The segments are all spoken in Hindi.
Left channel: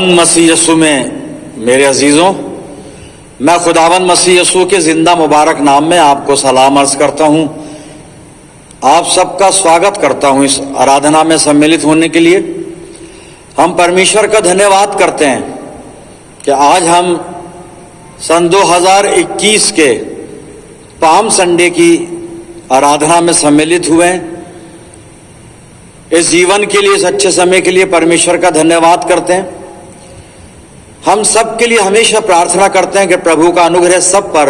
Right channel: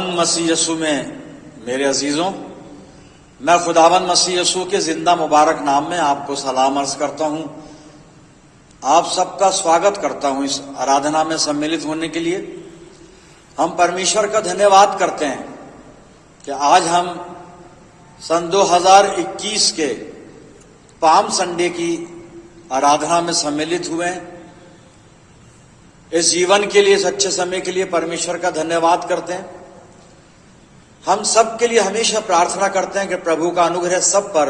खुदावंद मसीह यसू में मेरे अजीजों, मैं खुदावंद मसीह यसू के जिंदा मुबारक नाम में आपको सलाम अर्ज करता हूं। आप सबका स्वागत करता हूं इस आराधना में सम्मिलित होने के लिए। हम परमेश्वर का धन्यवाद करते हैं कि आज हम सन 2021 के पाम संडे की आराधना में सम्मिलित हुए हैं। इस जीवन के लिए, इस अच्छे समय के लिए परमेश्वर का धन्यवाद करते हैं। हम सब के लिए हमेशा प्रार्थना करते हैं कि प्रभु का अनुग्रह सब पर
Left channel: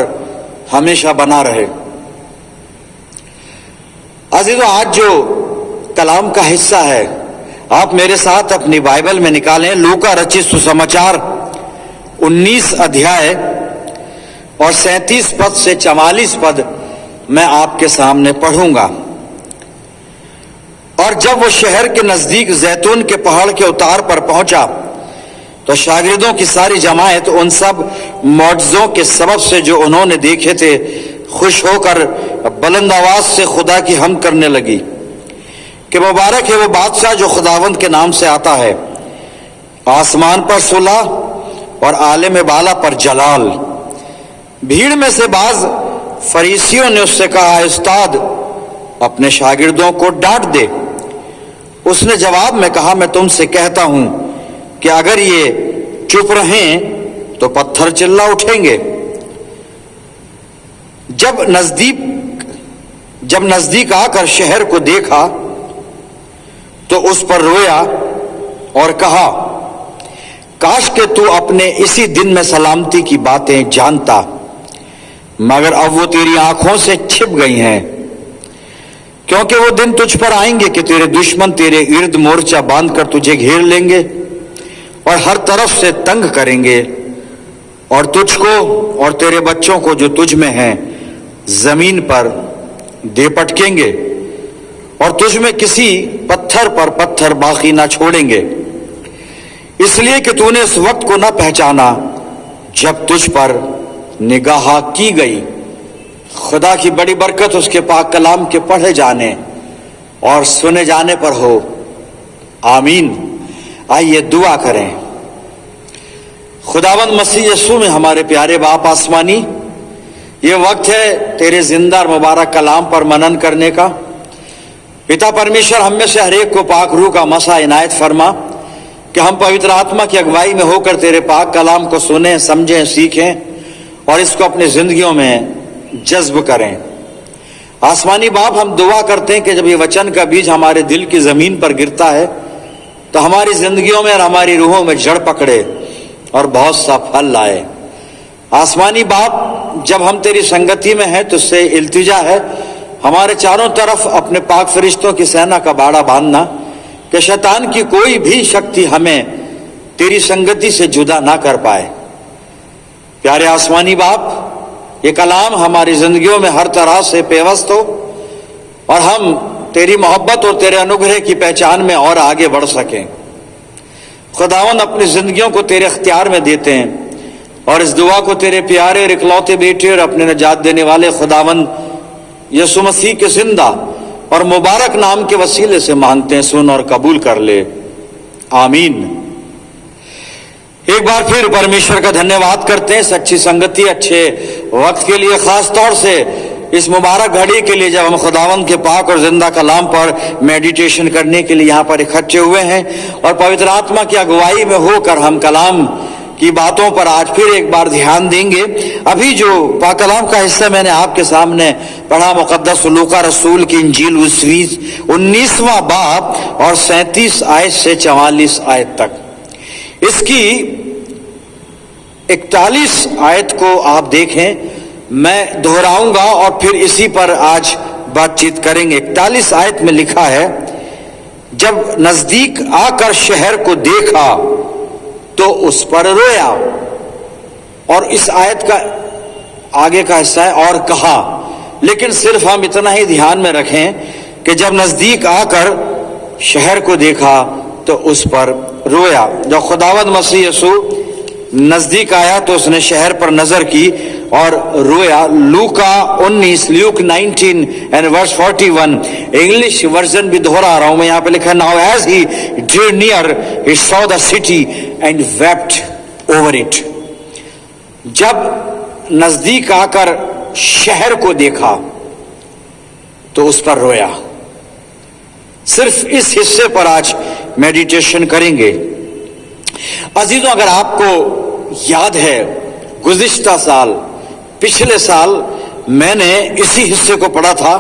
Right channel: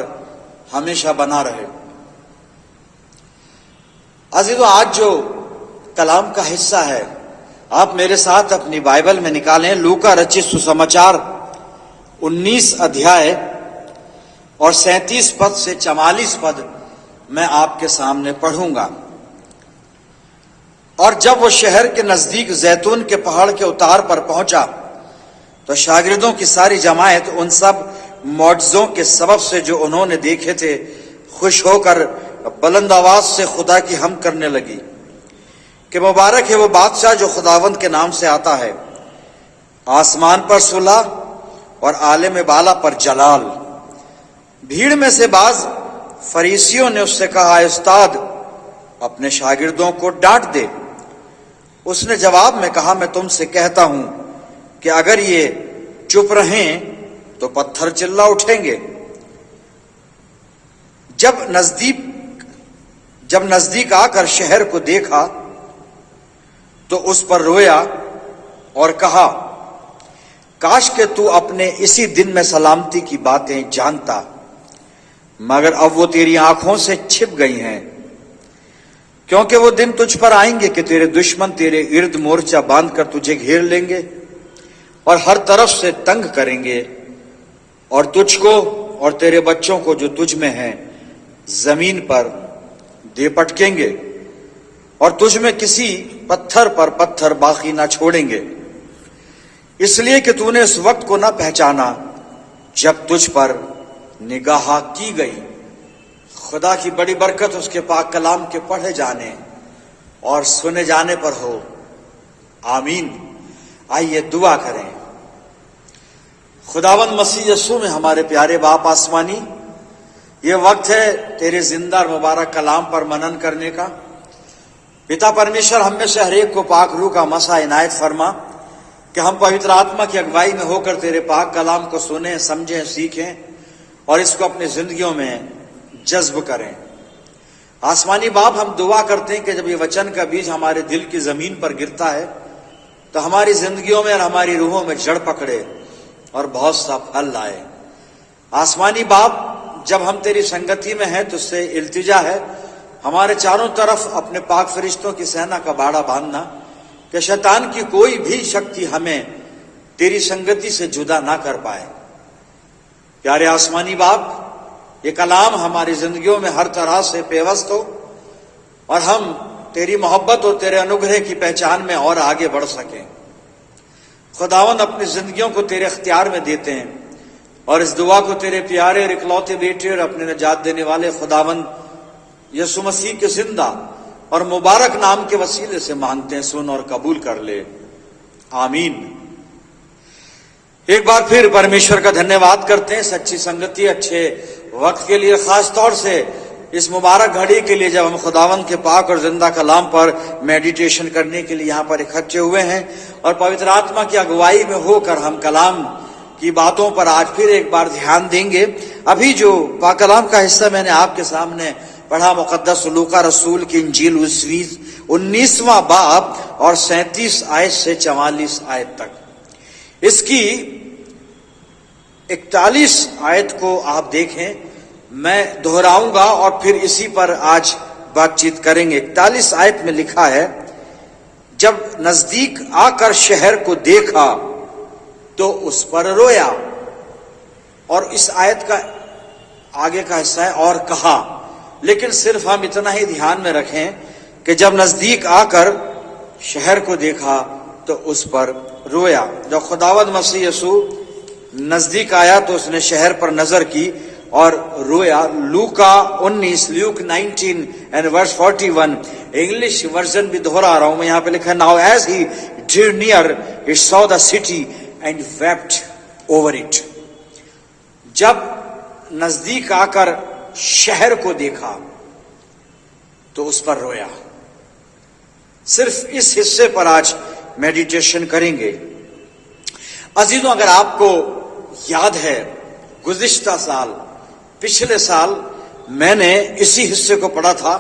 हमेशा बना रहे। अजीजों, आज जो कलाम का हिस्सा है, आप मेरे साथ अपनी बाइबल में निकालें। लूका रचित सुसमाचार 19 अध्याय और 37 पद से 44 पद मैं आपके सामने पढ़ूंगा। और जब वो शहर के नजदीक जैतून के पहाड़ के उतार पर पहुंचा तो शागिर्दों की सारी जमायत उन सब मौजज़ों के सबब से जो उन्होंने देखे थे खुश होकर बुलंद आवाज से खुदा की हमद करने लगी कि मुबारक है वो बादशाह जो खुदावंद के नाम से आता है। आसमान पर सुलह और आले में बाला पर जलाल। भीड़ में से बाज फरीसियों ने उससे कहा, उस्ताद, अपने शागिर्दों को डांट दे। उसने जवाब में कहा, मैं तुमसे कहता हूं कि अगर ये चुप रहें तो पत्थर चिल्ला उठेंगे। जब नजदीक आकर शहर को देखा तो उस पर रोया और कहा, काश के तू अपने इसी दिन में सलामती की बातें जानता, मगर अब वो तेरी आंखों से छिप गई हैं। क्योंकि वो दिन तुझ पर आएंगे कि तेरे दुश्मन तेरे इर्द मोर्चा बांधकर तुझे घेर लेंगे और हर तरफ से तंग करेंगे और तुझको और तेरे बच्चों को जो तुझ में हैं जमीन पर दे पटकेंगे और तुझ में किसी पत्थर पर पत्थर बाकी ना छोड़ेंगे, इसलिए कि तूने इस वक्त को ना पहचाना जब तुझ पर निगाह की गई। खुदा की बड़ी बरकत उसके पाक कलाम के पढ़े जाने और सुने जाने पर हो। आमीन। आइए दुआ करें। खुदावंद मसीह यसू में हमारे प्यारे बाप आसमानी, ये वक्त है तेरे जिंदा और मुबारक कलाम पर मनन करने का। पिता परमेश्वर, हम में से हर एक को पाक रूह का मसा इनायत फरमा कि हम पवित्र आत्मा की अगुवाई में होकर तेरे पाक कलाम को सुने, समझें, सीखें और इसको अपनी जिंदगियों में जज्ब करें। आसमानी बाप, हम दुआ करते हैं कि जब ये वचन का बीज हमारे दिल की जमीन पर गिरता है तो हमारी जिंदगियों में और हमारी रूहों में जड़ पकड़े और बहुत सा फल लाए। आसमानी बाप, जब हम तेरी संगति में हैं तो उससे इल्तिजा है हमारे चारों तरफ अपने पाक फरिश्तों की सेना का बाड़ा बांधना कि शैतान की कोई भी शक्ति हमें तेरी संगति से जुदा ना कर पाए। प्यारे आसमानी बाप, ये कलाम हमारी जिंदगियों में हर तरह से पेवस्त हो और हम तेरी मोहब्बत और तेरे अनुग्रह की पहचान में और आगे बढ़ सकें। खुदावंद, अपनी जिंदगियों को तेरे अख्तियार में देते हैं और इस दुआ को तेरे प्यारे और इकलौते बेटे और अपने निजात देने वाले खुदावंद यसु मसीह के जिंदा और मुबारक नाम के वसीले से मांगते हैं। सुन और कबूल कर ले। आमीन। एक बार फिर परमेश्वर का धन्यवाद करते हैं सच्ची संगति, अच्छे वक्त के लिए, खास तौर से इस मुबारक घड़ी के लिए जब हम खुदावंद के पाक और जिंदा कलाम पर मेडिटेशन करने के लिए यहाँ पर इकट्ठे हुए हैं और पवित्र आत्मा की अगुवाई में होकर हम कलाम की बातों पर आज फिर एक बार ध्यान देंगे। अभी जो पाक कलाम का हिस्सा मैंने आपके सामने पढ़ा, मुकद्दस लूका रसूल की इंजील 19वां बाब और 37 आयत से 44 आयत तक, इसकी 41 आयत को आप देखें। मैं दोहराऊंगा और फिर इसी पर आज बातचीत करेंगे। 41 आयत में लिखा है, जब नजदीक आकर शहर को देखा तो उस पर रोया। और इस आयत का आगे का हिस्सा है और कहा, लेकिन सिर्फ हम इतना ही ध्यान में रखें कि जब नजदीक आकर शहर को देखा तो उस पर रोया। जब खुदावंद मसीह यसू नजदीक आया तो उसने शहर पर नजर की और रोया। लूका 19, Luke 19 and verse 41, English version भी दोहरा रहा हूं मैं, यहां पे लिखा, now as he drew near he saw the city and wept over it. जब नजदीक आकर शहर को देखा तो उस पर रोया। सिर्फ इस हिस्से पर आज मेडिटेशन करेंगे। अजीजों, अगर आपको याद है, गुज़िश्ता साल, पिछले साल मैंने इसी हिस्से को पढ़ा था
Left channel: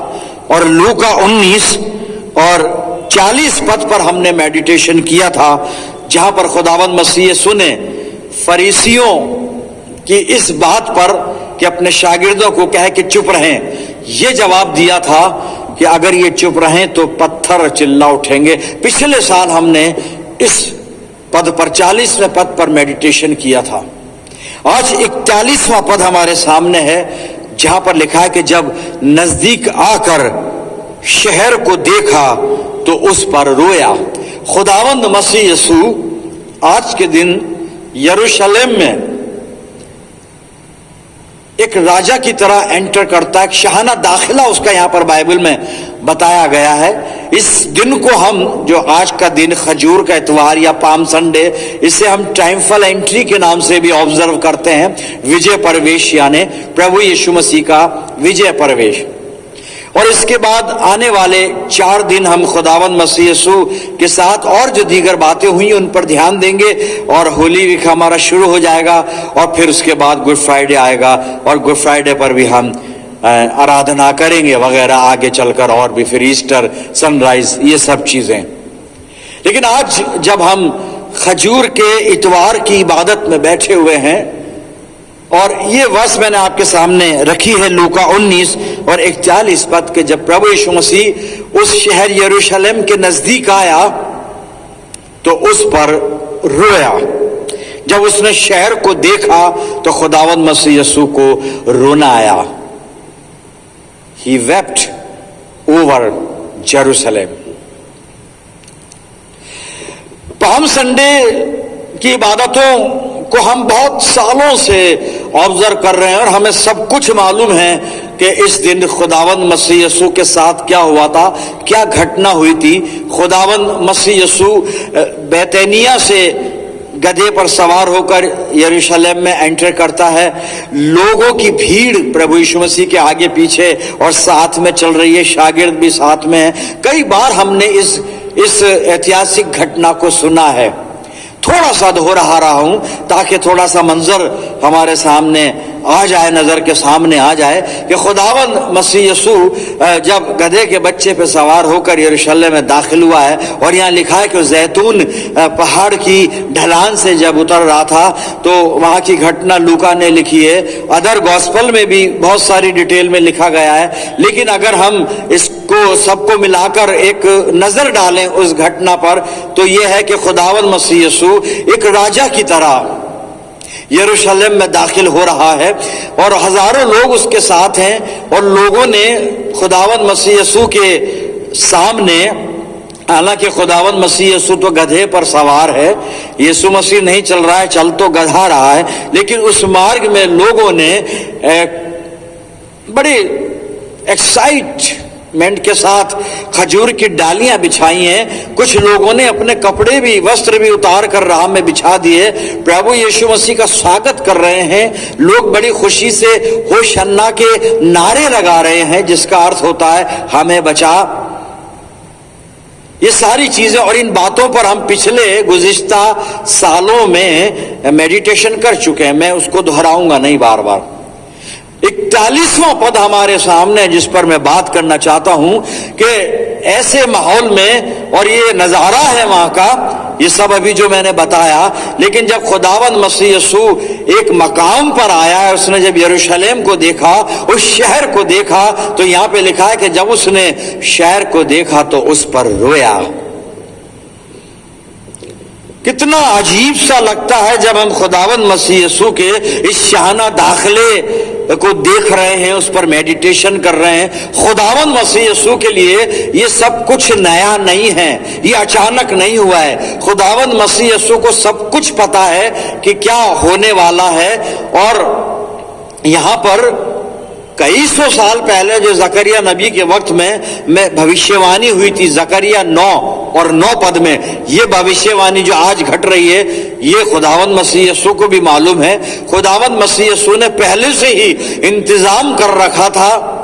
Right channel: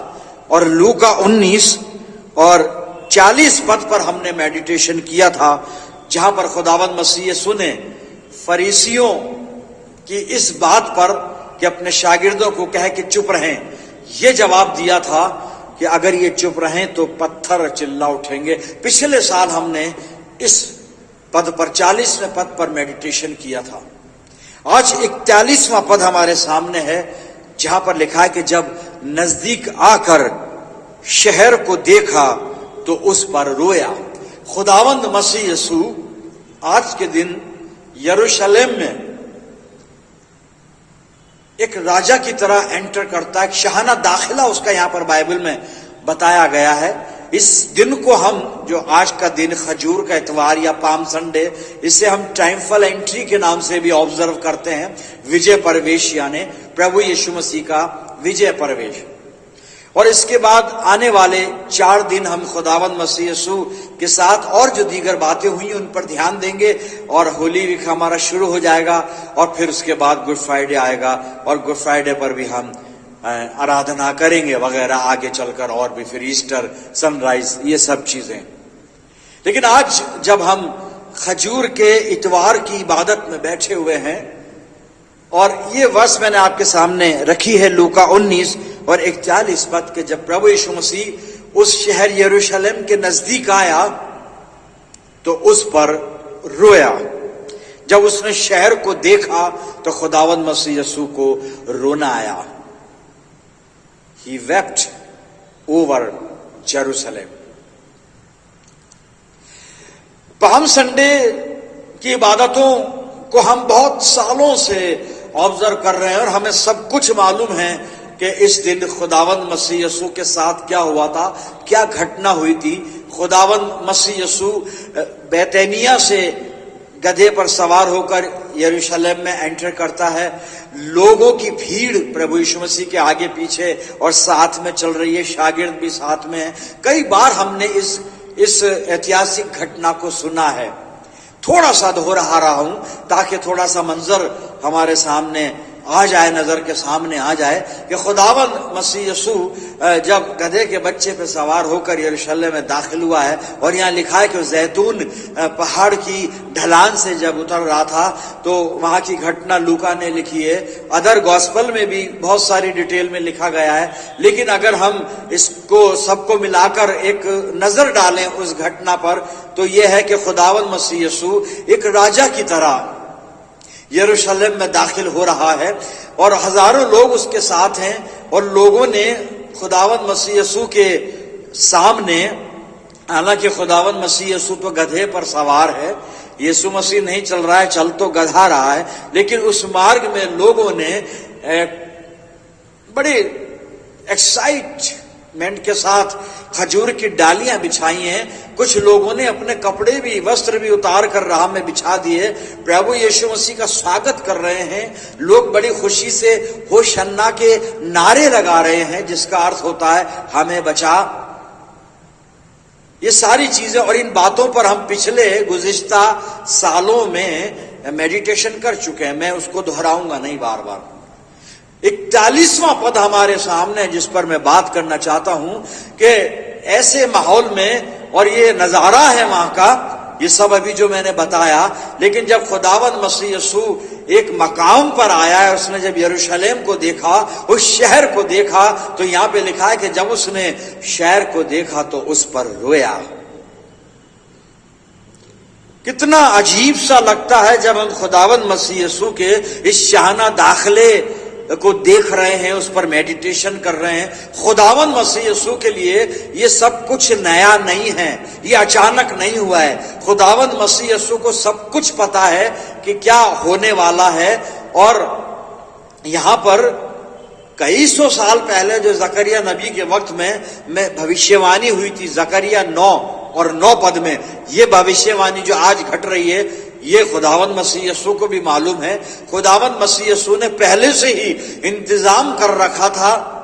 और लूका 19 और 40 पद पर हमने मेडिटेशन किया था, जहां पर खुदावंद मसीह यीशु ने फरीसियों की इस बात पर कि अपने शागिर्दों को कहे कि चुप रहें, यह जवाब दिया था कि अगर ये चुप रहें तो पत्थर चिल्ला उठेंगे। पिछले साल हमने इस पद पर 40वें पद पर मेडिटेशन किया था। आज 41वां पद हमारे सामने है, जहां पर लिखा है कि जब नजदीक आकर शहर को देखा तो उस पर रोया। खुदावंद मसीह यीशु आज के दिन यरूशलेम में एक राजा की तरह एंटर करता है। एक शाहाना दाखिला उसका यहां पर बाइबल में बताया गया है। इस दिन को हम, जो आज का दिन खजूर का इतवार या पाम संडे, इसे हम ट्रायम्फल एंट्री के नाम से भी ऑब्जर्व करते हैं। विजय प्रवेश यानी प्रभु यीशु मसीह का विजय प्रवेश। और इसके बाद आने वाले 4 दिन हम खुदावंद मसीह यीशु के साथ और जो दीगर बातें हुई उन पर ध्यान देंगे और होली वीक हमारा शुरू हो जाएगा और फिर उसके बाद गुड फ्राइडे आएगा और गुड फ्राइडे पर भी हम आराधना करेंगे वगैरह आगे चलकर, और भी फिर ईस्टर, सनराइज, ये सब चीजें। लेकिन आज जब हम खजूर के इतवार की इबादत में बैठे हुए हैं और ये वर्ष मैंने आपके सामने रखी है, लूका 19 और 41 पद के, जब प्रभु यीशु मसीह उस शहर यरूशलेम के नजदीक आया तो उस पर रोया। जब उसने शहर को देखा तो खुदावंद मसीह यीशु को रोना आया। He wept over Jerusalem. Palm Sunday की इबादतों को हम बहुत सालों से ऑब्जर्व कर रहे हैं और हमें सब कुछ मालूम है कि इस दिन खुदावंद मसीह यीशु के साथ क्या हुआ था, क्या घटना हुई थी। खुदावंद मसीह यीशु बैतनिया से गधे पर सवार होकर यरूशलेम में एंटर करता है। लोगों की भीड़ प्रभु यीशु मसीह के आगे पीछे और साथ में चल रही है, शागिर्द भी साथ में है। कई बार हमने इस ऐतिहासिक घटना को सुना है। थोड़ा सा दोहरा रहा हूं ताकि थोड़ा सा मंजर हमारे सामने आ जाए, नजर के सामने आ जाए कि खुदावंद मसीह यीशु जब गधे के बच्चे पे सवार होकर यरूशलेम में दाखिल हुआ है, और यहाँ लिखा है कि जैतून पहाड़ की ढलान से जब उतर रहा था, तो वहां की घटना लूका ने लिखी है। अदर गॉस्पल में भी बहुत सारी डिटेल में लिखा गया है, लेकिन अगर हम इसको सबको मिलाकर एक नजर डालें उस घटना पर, तो यह है कि खुदावंद मसीह यीशु एक राजा की तरह यरूशलेम में दाखिल हो रहा है और हजारों लोग उसके साथ हैं। और लोगों ने खुदावंद मसीह यीशु के सामने, हालांकि खुदावंद मसीह यीशु तो गधे पर सवार है, यीशु मसीह नहीं चल रहा है, चल तो गधा रहा है, लेकिन उस मार्ग में लोगों ने बड़े एक्साइटमेंट के साथ खजूर की डालियां बिछाई हैं। कुछ लोगों ने अपने कपड़े भी, वस्त्र भी उतार कर राह में बिछा दिए, प्रभु यीशु मसीह का स्वागत कर रहे हैं। लोग बड़ी खुशी से होशन्ना के नारे लगा रहे हैं, जिसका अर्थ होता है हमें बचा। ये सारी चीजें और इन बातों पर हम पिछले गुज़िश्ता सालों में मेडिटेशन कर चुके हैं, मैं उसको दोहराऊंगा नहीं बार बार। 41वां पद हमारे सामने जिस पर मैं बात करना चाहता हूं कि ऐसे माहौल में, और ये नजारा है वहां का, ये सब अभी जो मैंने बताया, लेकिन जब खुदावंद मसीह यीशु एक मकाम पर आया है, उसने जब यरूशलेम को देखा, उस शहर को देखा, तो यहां पे लिखा है कि जब उसने शहर को देखा तो उस पर रोया। कितना अजीब सा लगता है जब हम खुदावंद मसीह यीशु के इस शाहाना दाखिले को देख रहे हैं, उस पर मेडिटेशन कर रहे हैं। खुदावंद मसीह यीशु के लिए ये सब कुछ नया नहीं है, ये अचानक नहीं हुआ है। खुदावंद मसीह यीशु को सब कुछ पता है कि क्या होने वाला है, और यहां पर कई सौ साल पहले जो जकरिया नबी के वक्त में भविष्यवाणी हुई थी, जकरिया 9 और 9 पद में, ये भविष्यवाणी जो आज घट रही है, ये खुदावंद मसीह यीशु को भी मालूम है। खुदावंद मसीह यीशु ने पहले से ही इंतजाम कर रखा था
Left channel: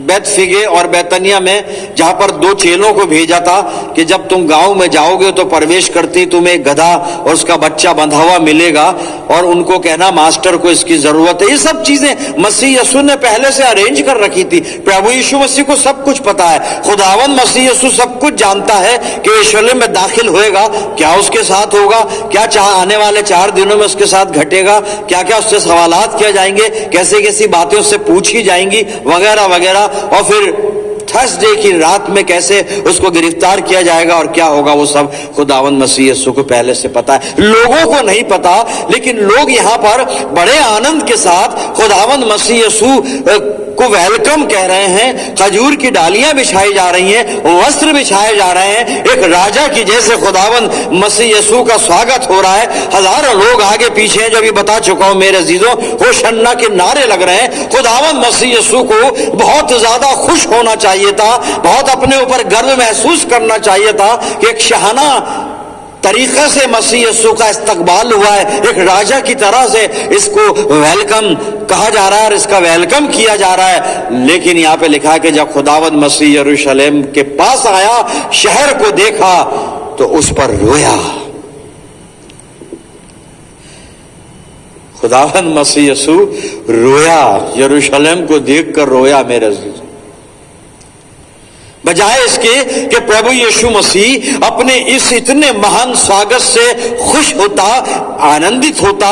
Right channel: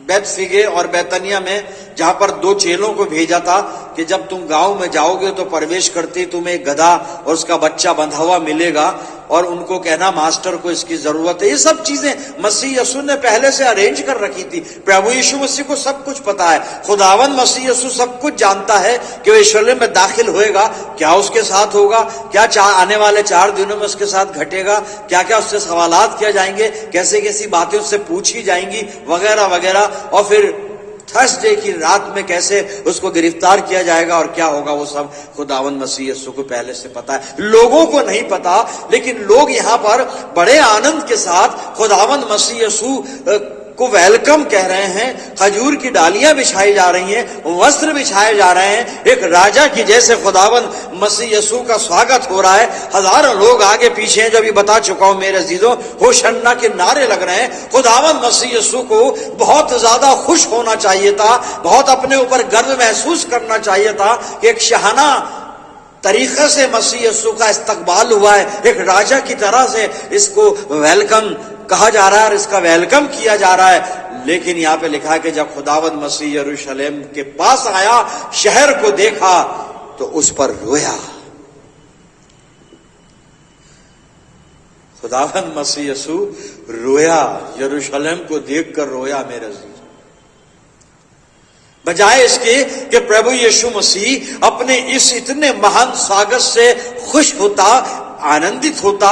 बैतफगे और बैतनिया में, जहां पर 2 चेलों को भेजा था कि जब तुम गांव में जाओगे तो प्रवेश करते तुम्हें एक गधा और उसका बच्चा बंधा हुआ मिलेगा और उनको कहना मास्टर को इसकी जरूरत है। ये सब चीजें मसीह यीशु ने पहले से अरेंज कर रखी थी। प्रभु यीशु मसीह को सब कुछ पता है। खुदावंद मसीह यीशु सब कुछ जानता है कि वो यरूशलेम में दाखिल होएगा, क्या उसके साथ होगा, क्या आने वाले 4 दिनों में उसके साथ घटेगा, क्या क्या उससे सवालात किए जाएंगे, कैसी कैसी बातें उससे पूछी जाएंगी, वगैरह वगैरह। और फिर थर्सडे की रात में कैसे उसको गिरफ्तार किया जाएगा और क्या होगा, वो सब खुदावंद मसीह यीशु को पहले से पता है। लोगों को नहीं पता, लेकिन लोग यहां पर बड़े आनंद के साथ खुदावंद मसीह यीशु को वेलकम कह रहे हैं। खजूर की डालियां बिछाई जा रही हैं, वस्त्र बिछाए जा रहे हैं, एक राजा की जैसे खुदावंद मसीह यीशु का स्वागत हो रहा है। हजारों लोग आगे पीछे हैं, जो भी बता चुका हूं मेरे अजीजों, होशन्ना के नारे लग रहे हैं। खुदावंद मसीह यीशु को बहुत ज्यादा खुश होना चाहिए था, बहुत अपने ऊपर गर्व महसूस करना चाहिए था कि एक शहाना तरीके से मसीह यीशु का इस्तकबाल हुआ है, एक राजा की तरह से इसको वेलकम कहा जा रहा है और इसका वेलकम किया जा रहा है। लेकिन यहां पे लिखा है कि जब खुदावंद मसीह यरूशलेम के पास आया, शहर को देखा तो उस पर रोया। खुदावंद मसीह यीशु रोया, यरूशलेम को देखकर रोया मेरे अजीज। बजाय इसके कि प्रभु यीशु मसीह अपने इस इतने महान स्वागत से खुश होता, आनंदित होता,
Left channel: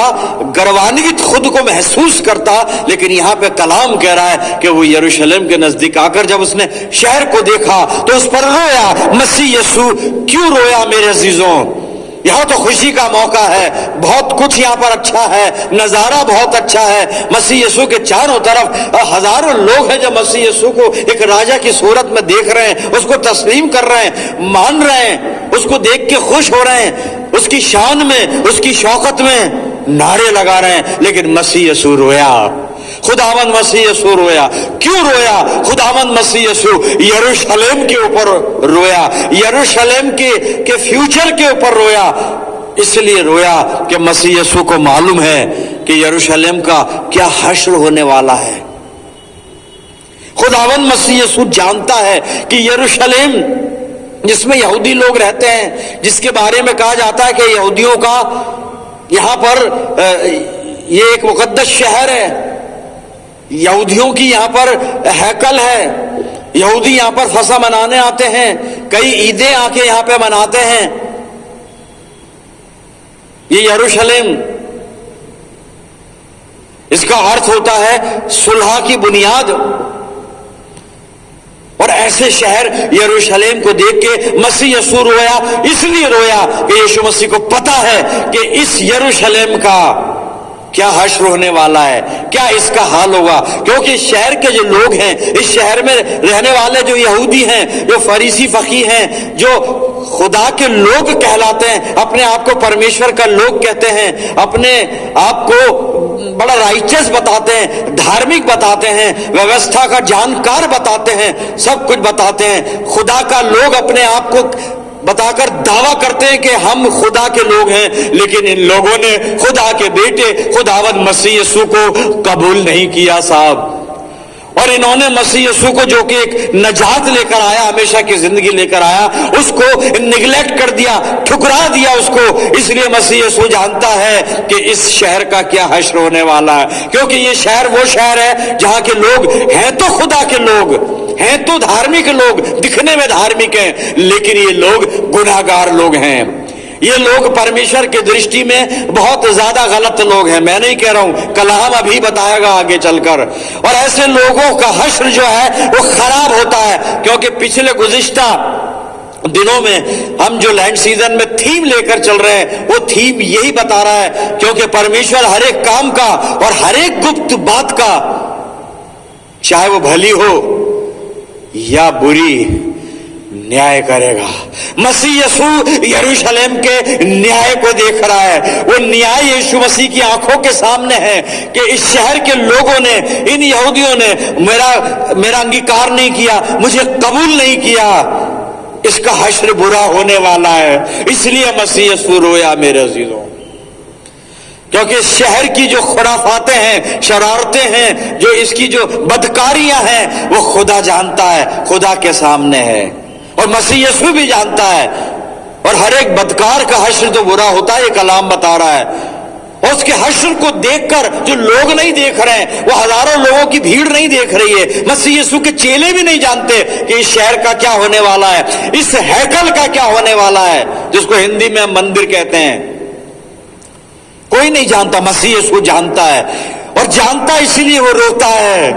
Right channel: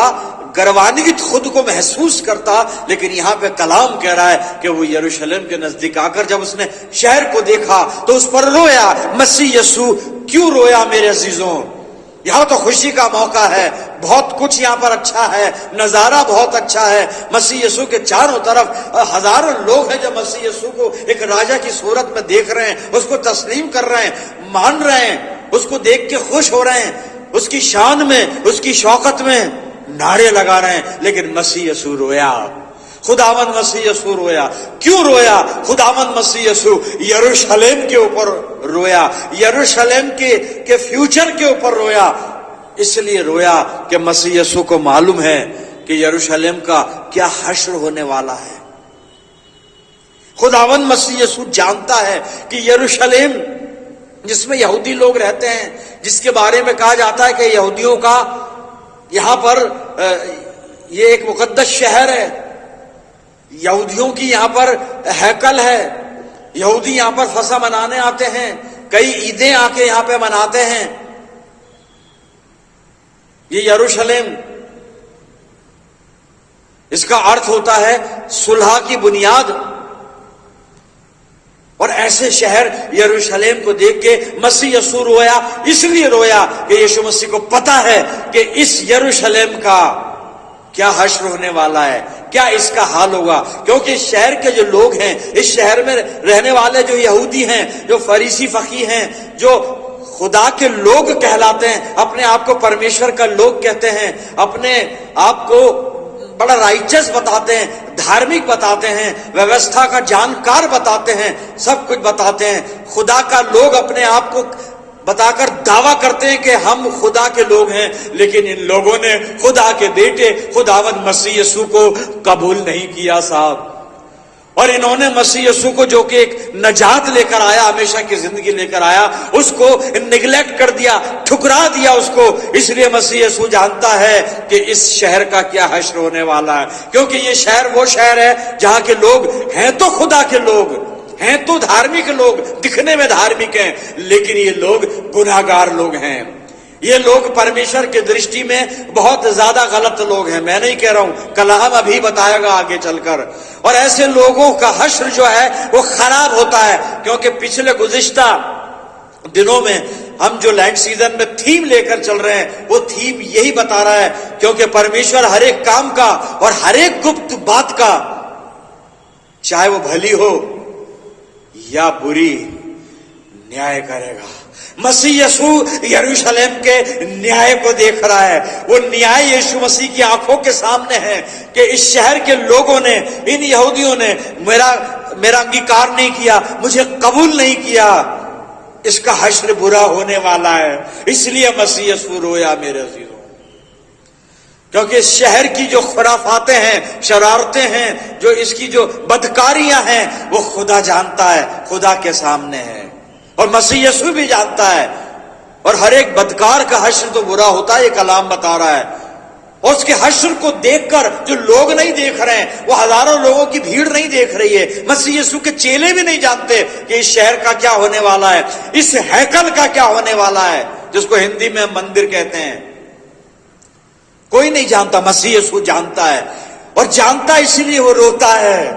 गर्वान्वित खुद को महसूस करता, लेकिन यहां पे कलाम कह रहा है कि वो यरूशलेम के नजदीक आकर जब उसने शहर को देखा तो उस पर रोया। मसीह यीशु क्यों रोया मेरे अजीजों? यहां तो खुशी का मौका है, बहुत कुछ यहां पर अच्छा है, नजारा बहुत अच्छा है। मसीह यीशु के चारों तरफ हजारों लोग हैं जो मसीह यीशु को एक राजा की सूरत में देख रहे हैं, उसको तस्लीम कर रहे हैं, मान रहे हैं, उसको देख के खुश हो रहे हैं, उसकी शान में, उसकी शौकत में नारे लगा रहे हैं। लेकिन मसीह यीशु रोया, खुदावंद मसीह यीशु रोया। क्यों रोया? खुदावंद मसीह यीशु यरूशलेम के ऊपर रोया, यरूशलेम के फ्यूचर के ऊपर रोया। इसलिए रोया कि मसीह यीशु को मालूम है कि यरूशलेम का क्या हश्र होने वाला है। खुदावंद मसीह यीशु जानता है कि यरूशलेम जिसमें यहूदी लोग रहते हैं, जिसके बारे में कहा जाता है कि यहूदियों का यहां पर ये एक मुकद्दस शहर है, यहूदियों की यहां पर हैकल है, यहूदी यहां पर फसा मनाने आते हैं, कई ईदें आके यहां पे मनाते हैं। ये यरूशलेम, इसका अर्थ होता है सुलह की बुनियाद। और ऐसे शहर यरूशलेम को देख के मसीह यीशु रोया। इसलिए रोया कि यीशु मसीह को पता है कि इस यरूशलेम का क्या हश्र होने वाला है, क्या इसका हाल होगा। क्योंकि इस शहर के जो लोग हैं, इस शहर में रहने वाले जो यहूदी हैं, जो फरीसी फकी हैं, जो खुदा के लोग कहलाते हैं, अपने आप को परमेश्वर का लोग कहते हैं, अपने आप को बड़ा राइचस बताते हैं, धार्मिक बताते हैं, व्यवस्था का जानकार बताते हैं, सब कुछ बताते हैं, खुदा का लोग अपने आप को बताकर दावा करते हैं कि हम खुदा के लोग हैं। लेकिन इन लोगों ने खुदा के बेटे खुदावंद मसीह यीशु को कबूल नहीं किया साहब। और इन्होंने मसीह यीशु को, जो कि एक नजात लेकर आया, हमेशा की जिंदगी लेकर आया, उसको निगलेक्ट कर दिया, ठुकरा दिया उसको। इसलिए मसीह यीशु जानता है कि इस शहर का क्या हश्र होने वाला है। क्योंकि ये शहर वो शहर है जहां के लोग हैं तो खुदा के लोग हैं, तो धार्मिक लोग, दिखने में धार्मिक हैं, लेकिन ये लोग गुनाहगार लोग हैं। ये लोग परमेश्वर की दृष्टि में बहुत ज्यादा गलत लोग हैं। मैं नहीं कह रहा हूं, कलाम अभी बताएगा आगे चलकर। और ऐसे लोगों का हश्र जो है वो खराब होता है। क्योंकि पिछले गुज़िश्ता दिनों में हम जो लैंड सीजन में थीम लेकर चल रहे हैं, वो थीम यही बता रहा है। क्योंकि परमेश्वर हर एक काम का और हर एक गुप्त बात का, चाहे वो भली हो या बुरी, न्याय करेगा। मसीह यीशु यरूशलेम के न्याय को देख रहा है। वो न्याय यीशु मसीह की आंखों के सामने है कि इस शहर के लोगों ने, इन यहूदियों ने मेरा अंगीकार नहीं किया, मुझे कबूल नहीं किया, इसका हश्र बुरा होने वाला है। इसलिए मसीह यीशु रोया मेरे अजीजों, क्योंकि शहर की जो खुराफातें हैं, शरारतें हैं, जो इसकी जो बदकारियां हैं, वो खुदा जानता है, खुदा के सामने है, और मसीह यीशु भी जानता है। और हर एक बदकार का हश्र तो बुरा होता है, ये कलाम बता रहा है। और उसके हश्र को देखकर जो लोग नहीं देख रहे हैं, वो हजारों लोगों की भीड़ नहीं देख रही है, मसीह यीशु के चेले भी नहीं जानते कि इस शहर का क्या होने वाला है, इस हैकल का क्या होने वाला है, जिसको हिंदी में हम मंदिर कहते हैं। कोई नहीं जानता, मसीह यीशु जानता है, और जानता है इसीलिए वो रोता है।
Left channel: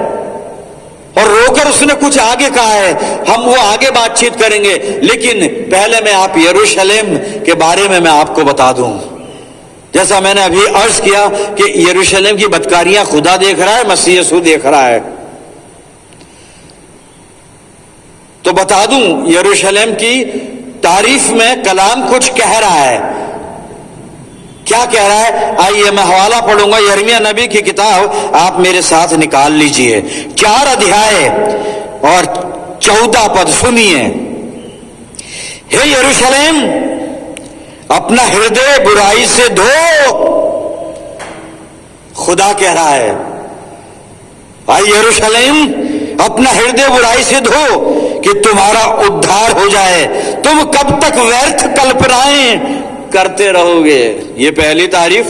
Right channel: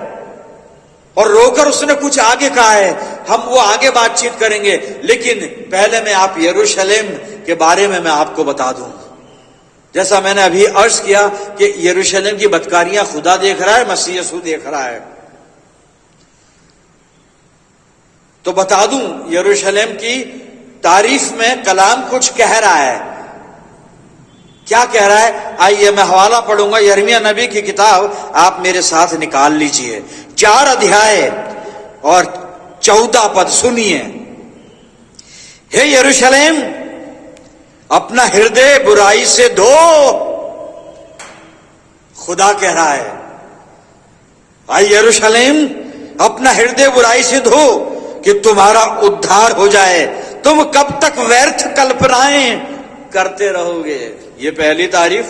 और रोकर उसने कुछ आगे कहा है, हम वो आगे बातचीत करेंगे, लेकिन पहले मैं आप यरूशलेम के बारे में मैं आपको बता दूं। जैसा मैंने अभी अर्ज किया कि यरूशलेम की बदकारियां खुदा देख रहा है, मसीह यीशु देख रहा है। तो बता दूं, यरूशलेम की तारीफ में कलाम कुछ कह रहा है। क्या कह रहा है? आइए मैं हवाला पढ़ूंगा, यिर्मयाह नबी की किताब आप मेरे साथ निकाल लीजिए, 4 अध्याय और 14 पद सुनिए। हे यरूशलेम, अपना हृदय बुराई से धो, खुदा कह रहा है। आई यरूशलेम, अपना हृदय बुराई से धो कि तुम्हारा उद्धार हो जाए। तुम कब तक व्यर्थ कल्पनाएं करते रहोगे? ये पहली तारीफ,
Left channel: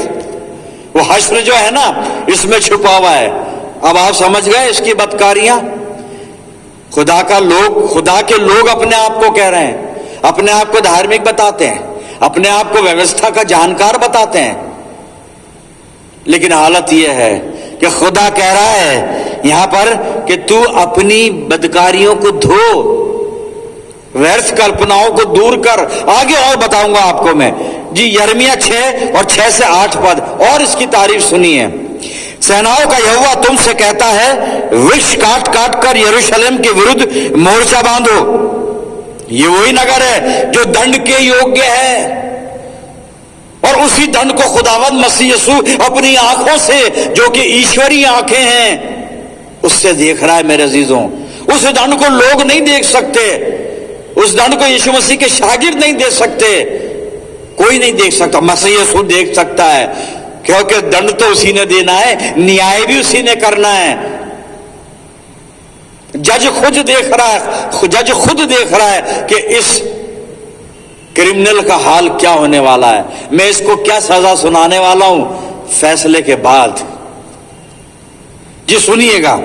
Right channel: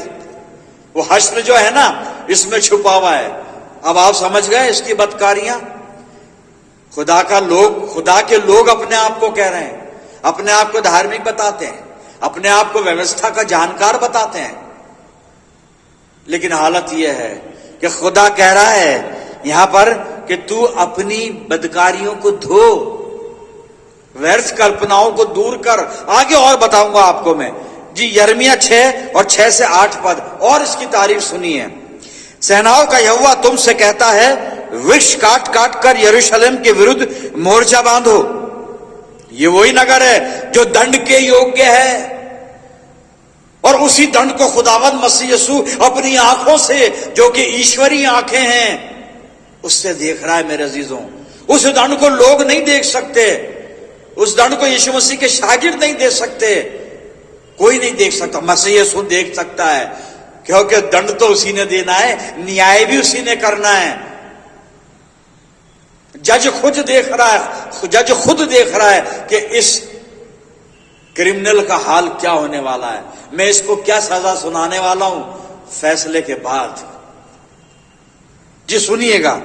वो हश्र जो है ना, इसमें छुपा हुआ है। अब आप समझ गए इसकी बदकारियां। खुदा के लोग अपने आप को कह रहे हैं, अपने आप को धार्मिक बताते हैं, अपने आप को व्यवस्था का जानकार बताते हैं, लेकिन हालत यह है कि खुदा कह रहा है यहां पर कि तू अपनी बदकारियों को धो, व्यर्थ कल्पनाओं को दूर कर। आगे और बताऊंगा आपको मैं जी। यिर्मयाह 6 और 6 से 8 पद और इसकी तारीफ सुनिए। सेनाओं का यहोवा तुमसे कहता है, वृक्ष काट काट कर यरूशलेम के विरुद्ध मोर्चा बांधो। ये वही नगर है जो दंड के योग्य है, और उसी दंड को खुदावंद मसीह यीशु अपनी आंखों से, जो कि ईश्वरीय आंखें हैं, उससे देख रहा है मेरे अजीजों। उस दंड को लोग नहीं देख सकते, उस दंड को यीशु मसीह के शागिर्द नहीं देख सकते, कोई नहीं देख सकता, मसीह यीशु देख सकता है, क्योंकि दंड तो उसी ने देना है, न्याय भी उसी ने करना है। जज खुद देख रहा है, जज खुद देख रहा है कि इस क्रिमिनल का हाल क्या होने वाला है, मैं इसको क्या सजा सुनाने वाला हूं फैसले के बाद। जी सुनिएगा,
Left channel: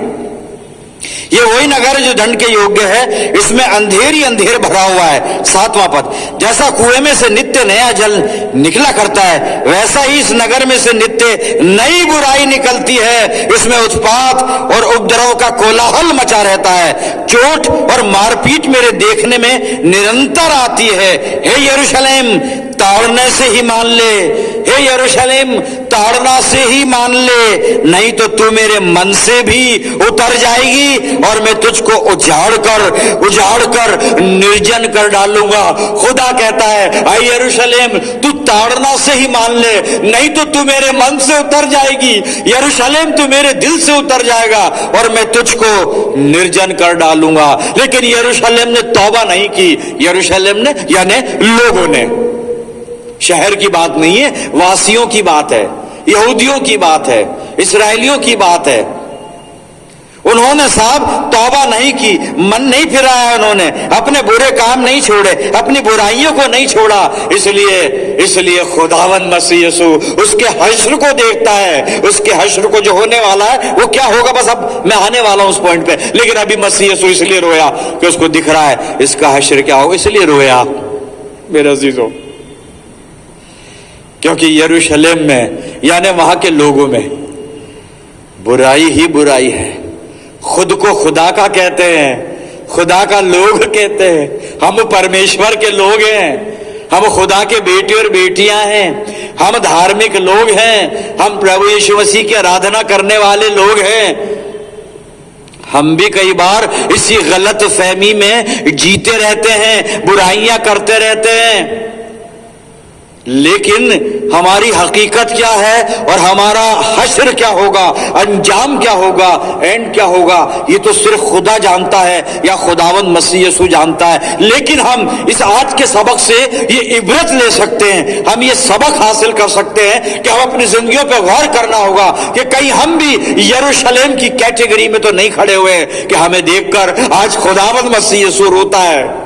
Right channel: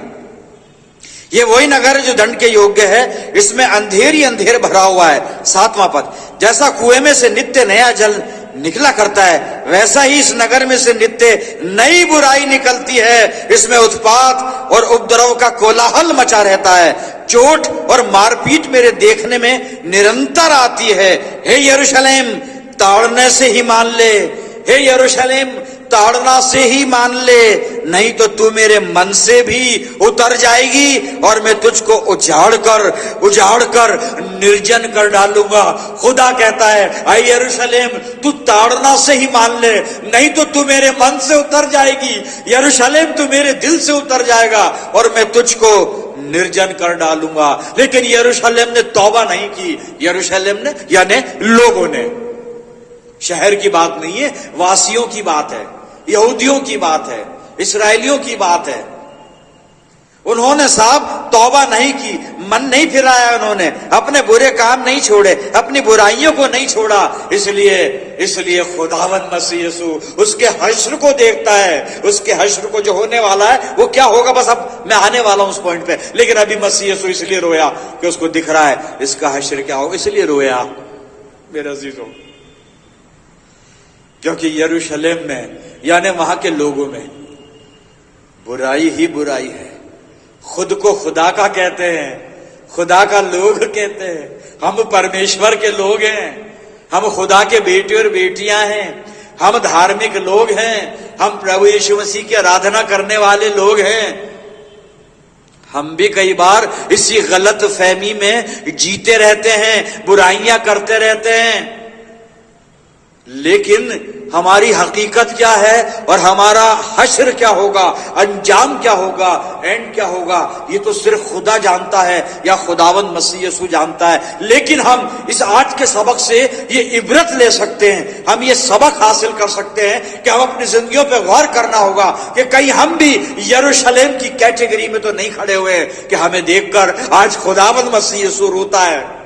ये वही नगर है जो दंड के योग्य है, इसमें अंधेर ही अंधेर भरा हुआ है। 7वां पद, जैसा कुएं में से नित्य नया जल निकला करता है, वैसा ही इस नगर में से नित्य नई बुराई निकलती है। इसमें उत्पात और उपद्रव का कोलाहल मचा रहता है, चोट और मारपीट मेरे देखने में निरंतर आती है। हे यरूशलेम, ताड़ने से ही मान ले, हे यरूशलेम, ताड़ना से ही मान ले, नहीं तो तू मेरे मन से भी उतर जाएगी और मैं तुझको उजाड़ कर निर्जन कर डालूंगा। खुदा कहता है, आई यरूशलेम, तू ताड़ना से ही मान ले, नहीं तो तू मेरे मन से उतर जाएगी। यरूशलेम, तू मेरे दिल से उतर जाएगा और मैं तुझको निर्जन कर डालूंगा। लेकिन यरूशलेम ने तौबा नहीं की। यरूशलेम ने यानी लोगों ने, शहर की बात नहीं है, वासियों की बात है, यहूदियों की बात है, इस्राएलियों की बात है। उन्होंने साहब तौबा नहीं की, मन नहीं फिराया, उन्होंने अपने बुरे काम नहीं छोड़े, अपनी बुराइयों को नहीं छोड़ा। इसलिए खुदावंद मसीह यीशु उसके हश्र को देखता है। उसके हश्र को जो होने वाला है वो क्या होगा, बस अब मैं आने वाला हूं उस पॉइंट पे। लेकिन अभी मसीह यीशु इसलिए रोया कि उसको दिख रहा है इसका हश्र क्या होगा, इसलिए रोया मेरे अजीजों। क्योंकि यरूशलेम में यानी वहां के लोगों में बुराई ही बुराई है। खुद को खुदा का कहते हैं, खुदा का लोग कहते हैं, हम परमेश्वर के लोग हैं, हम खुदा के बेटे और बेटियां हैं, हम धार्मिक लोग हैं, हम प्रभु यीशु मसीह की आराधना करने वाले लोग हैं, हम भी कई बार इसी गलत फहमी में जीते रहते हैं, बुराइयां करते रहते हैं, लेकिन हमारी हकीकत क्या है और हमारा हश्र क्या होगा, अंजाम क्या होगा, एंड क्या होगा, ये तो सिर्फ खुदा जानता है या खुदावंद मसीह यीशु जानता है। लेकिन हम इस आज के सबक से ये इबरत ले सकते हैं, हम ये सबक हासिल कर सकते हैं कि हम अपनी जिंदगियों पर गौर करना होगा कि कहीं हम भी यरूशलेम की कैटेगरी में तो नहीं खड़े हुए कि हमें देखकर आज खुदावंद मसीह यीशु रोता है।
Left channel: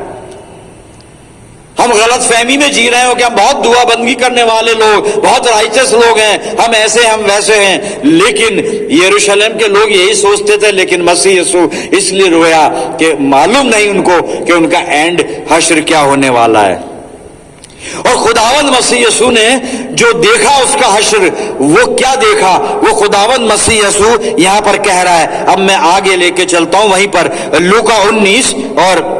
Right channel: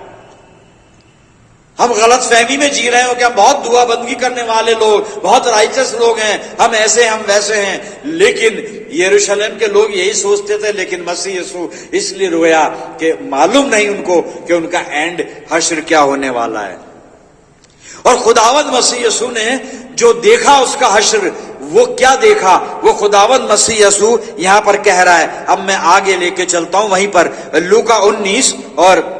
हम गलत फहमी में जी रहे हो कि हम बहुत दुआ बंदगी करने वाले लोग, बहुत राइचस लोग हैं, हम ऐसे हम वैसे हैं, लेकिन यरूशलेम के लोग यही सोचते थे। लेकिन मसीह यीशु इसलिए रोया कि मालूम नहीं उनको कि उनका एंड हश्र क्या होने वाला है। और खुदावंद मसीह यीशु ने जो देखा उसका हश्र, वो क्या देखा, वो खुदावंद मसीह यीशु यहां पर कह रहा है। अब मैं आगे लेके चलता हूं, वहीं पर लूका 19 और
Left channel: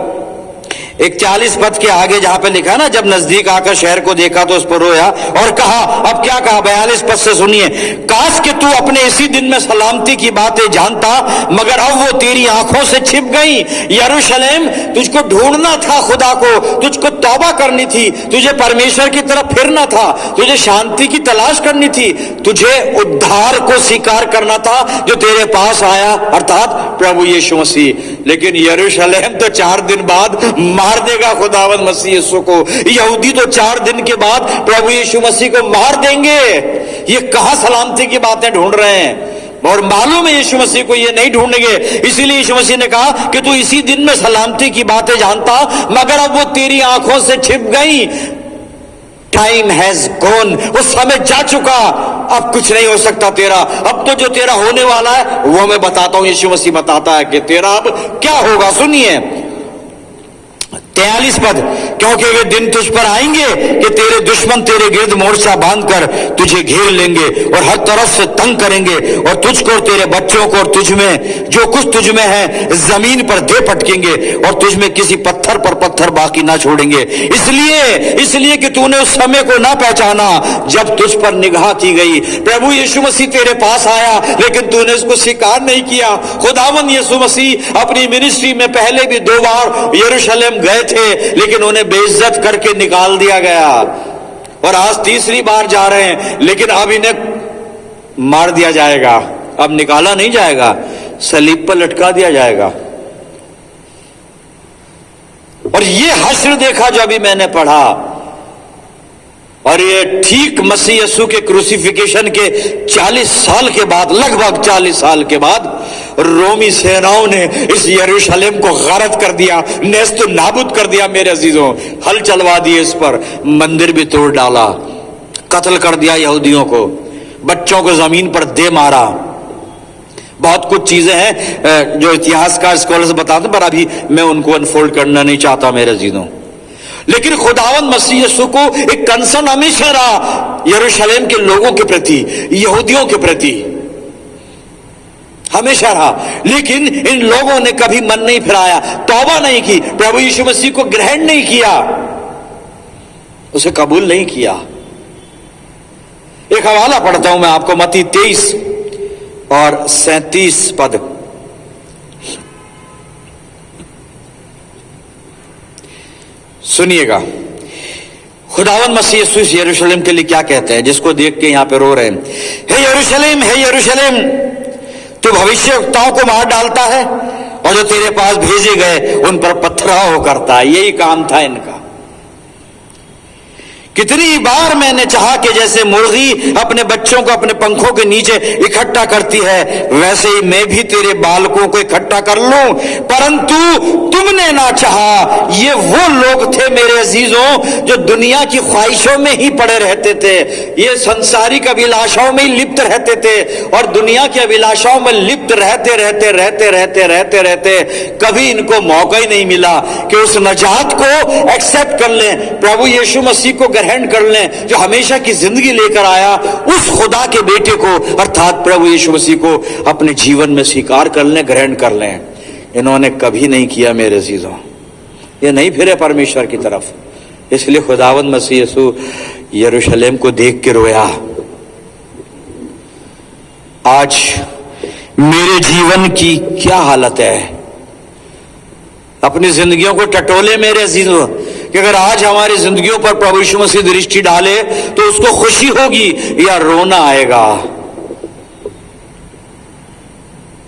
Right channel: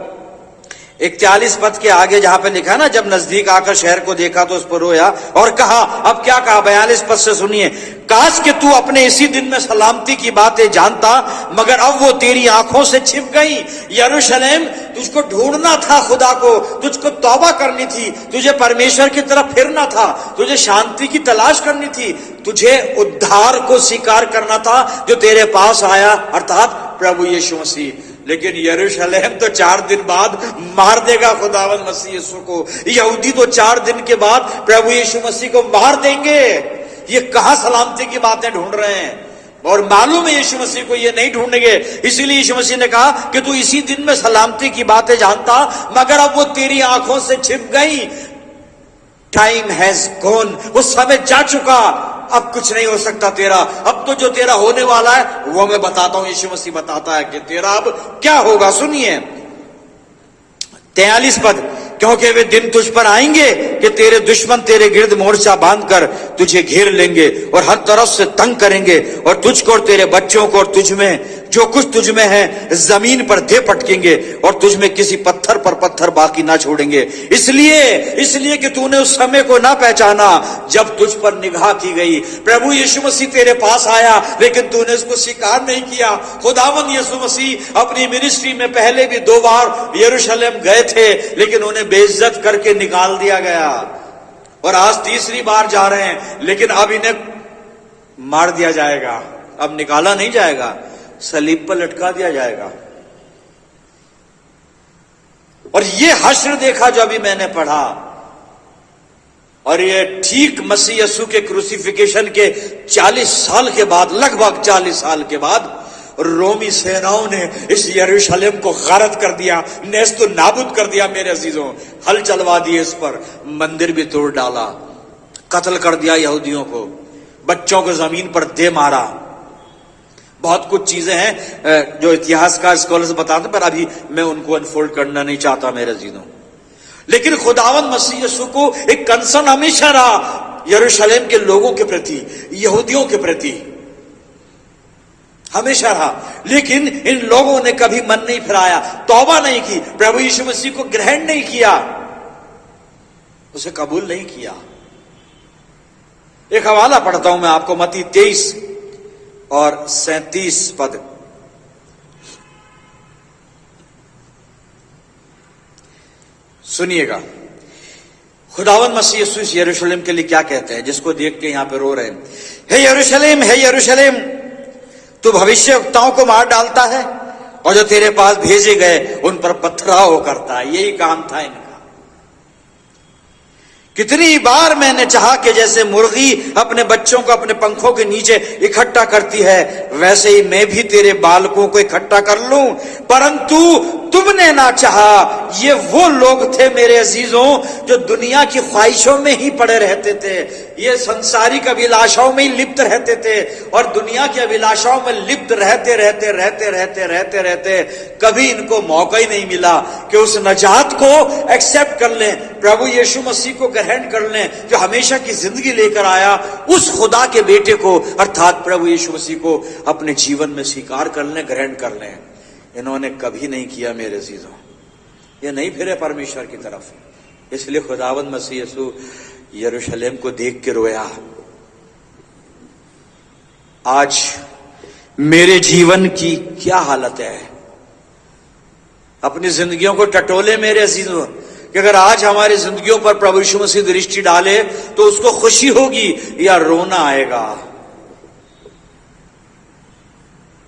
41 पद के आगे जहां पे लिखा है ना, जब नजदीक आकर शहर को देखा तो उस पर रोया और कहा, अब क्या कहा 42 पद से सुनिए, काश कि तू अपने इसी दिन में सलामती की बातें जानता, मगर अब वो तेरी आंखों से छिप गई। यरूशलेम, तुझको ढूंढना था खुदा को, तुझको तौबा करनी थी, तुझे परमेश्वर की तरफ फिरना था, तुझे शांति की तलाश करनी थी, तुझे उद्धार को स्वीकार करना था जो तेरे पास आया, अर्थात प्रभु यीशु मसीह। लेकिन यरूशलेम तो 4 दिन बाद मार देगा खुदावंद मसीह यीशु को, यहूदी तो 4 दिन के बाद प्रभु यीशु मसीह को मार देंगे। ये कहां सलामती की बातें ढूंढ रहे हैं, और मालूम है यीशु मसीह को ये नहीं ढूंढेंगे। इसीलिए यीशु मसीह ने कहा कि तू इसी दिन में सलामती की बातें जानता, मगर अब वो तेरी आंखों से छिप गई। टाइम हैज गॉन, वो समय जा चुका, अब कुछ नहीं हो सकता तेरा। अब तो जो तेरा होने वाला है वो मैं बताता हूं। यीशु मसीह बताता है कि तेरा अब क्या होगा। सुनिए 43 पद, क्योंकि वे दिन तुझ पर आएंगे कि तेरे दुश्मन तेरे गिर्द मोर्चा बांधकर तुझे घेर लेंगे और हर तरफ से तंग करेंगे, और तुझको और तेरे बच्चों को और तुझ में जो कुछ तुझ में है जमीन पर दे पटकेंगे, और तुझ में किसी पत्थर पर पत्थर बाकी ना छोड़ेंगे। इसलिए कि तूने उस समय को ना पहचाना जब तुझ पर निगाह की गई। प्रभु यीशु मसीह तेरे पास आया, लेकिन तूने उसको स्वीकार नहीं किया। खुदावंद यीशु मसीह अपनी मिनिस्ट्री में पहले भी 2 बार यरूशलेम गए थे, लेकिन उन्हें बेइज्जत करके निकाल दिया गया, और आज 3री बार जा रहे हैं, लेकिन अब इन्हें मार दिया जाएगा। अब निकाला नहीं जाएगा, सलीब पर लटका दिया जाएगा। और ये हश्र देखा जो अभी मैंने पढ़ा, और ये ठीक मसीह यीशु के क्रूसिफिकेशन के 40 साल के बाद, लगभग 40 साल के बाद, रोमी सेनाओं ने इस यरूशलेम को गारत कर दिया, नेस्त नाबूद कर दिया। मेरे अजीजों, हल चलवा दिए, इस पर मंदिर भी तोड़ डाला, कत्ल कर दिया यहूदियों को, बच्चों को जमीन पर दे मारा। बहुत कुछ चीजें हैं जो इतिहासकार स्कॉलर्स बताते हैं, पर अभी मैं उनको अनफोल्ड करना नहीं चाहता मेरे अजीजों। लेकिन खुदावंद मसीह यीशु को एक कंसर्न हमेशा रहा यरूशलेम के लोगों के प्रति, यहूदियों के प्रति, हमेशा रहा। लेकिन इन लोगों ने कभी मन नहीं फिराया, तौबा नहीं की, प्रभु यीशु मसीह को ग्रहण नहीं किया, उसे कबूल नहीं किया। एक हवाला पढ़ता हूं मैं आपको, मत्ती 23 और 37 पद। सुनिएगा, खुदावंद मसीह यीशु यरूशलेम के लिए क्या कहते हैं, जिसको देख के यहां पे रो रहे हैं। हे यरूशलेम, हे यरूशलेम, तू भविष्यवक्ताओं को मार डालता है और जो तेरे पास भेजे गए उन पर पथराव करता है। यही काम था इनका। कितनी बार मैंने चाहा कि जैसे मुर्गी अपने बच्चों को अपने पंखों के नीचे इकट्ठा करती है, वैसे ही मैं भी तेरे बालकों को इकट्ठा कर लूं, परंतु तुमने ना चाहा। ये वो लोग थे मेरे अजीजों जो दुनिया की ख्वाहिशों में ही पड़े रहते थे, ये संसारिक अभिलाषाओं में ही लिप्त रहते थे, और दुनिया की अभिलाषाओं में लिप्त रहते रहते रहते रहते रहते रहते कभी इनको मौका ही नहीं मिला कि उस नजात को एक्सेप्ट कर लें, प्रभु यीशु मसीह को ग्रहण कर लें, जो हमेशा की जिंदगी लेकर आया, उस खुदा के बेटे को अर्थात प्रभु यीशु मसीह को अपने जीवन में स्वीकार कर लें, ग्रहण कर लें। इन्होंने कभी नहीं किया मेरे अजीजों, ये नहीं फिरे परमेश्वर की तरफ। इसलिए खुदावंद मसीह यीशु यरूशलेम को देख के रोया। आज मेरे जीवन की क्या हालत है। अपनी जिंदगियों को टटोले मेरे अजीजों, कि अगर आज हमारी जिंदगियों पर प्रभु यीशु मसीह दृष्टि डाले तो उसको खुशी होगी या रोना आएगा।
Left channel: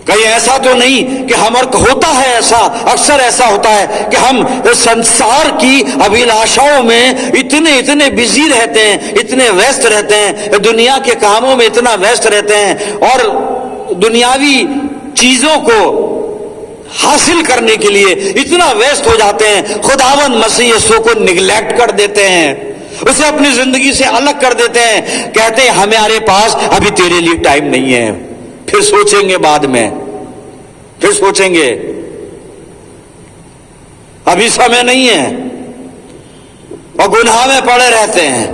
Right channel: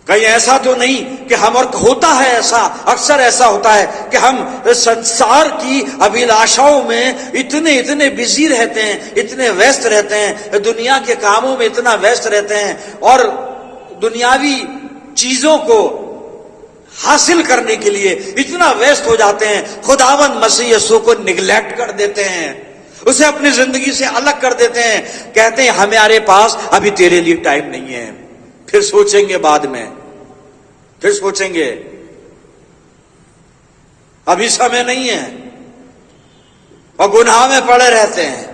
कहीं ऐसा तो नहीं कि होता है ऐसा, अक्सर ऐसा होता है कि हम संसार की अभिलाषाओं में इतने बिजी रहते हैं, इतने व्यस्त रहते हैं, दुनिया के कामों में इतना व्यस्त रहते हैं और दुनियावी चीजों को हासिल करने के लिए इतना व्यस्त हो जाते हैं, खुदावंद मसीह यीशु को निगलेक्ट कर देते हैं, उसे अपनी जिंदगी से अलग कर देते हैं। कहते हैं हमारे पास अभी तेरे लिए टाइम नहीं है, फिर सोचेंगे बाद में, फिर सोचेंगे, अभी समय नहीं है, और गुनाह में पड़े रहते हैं।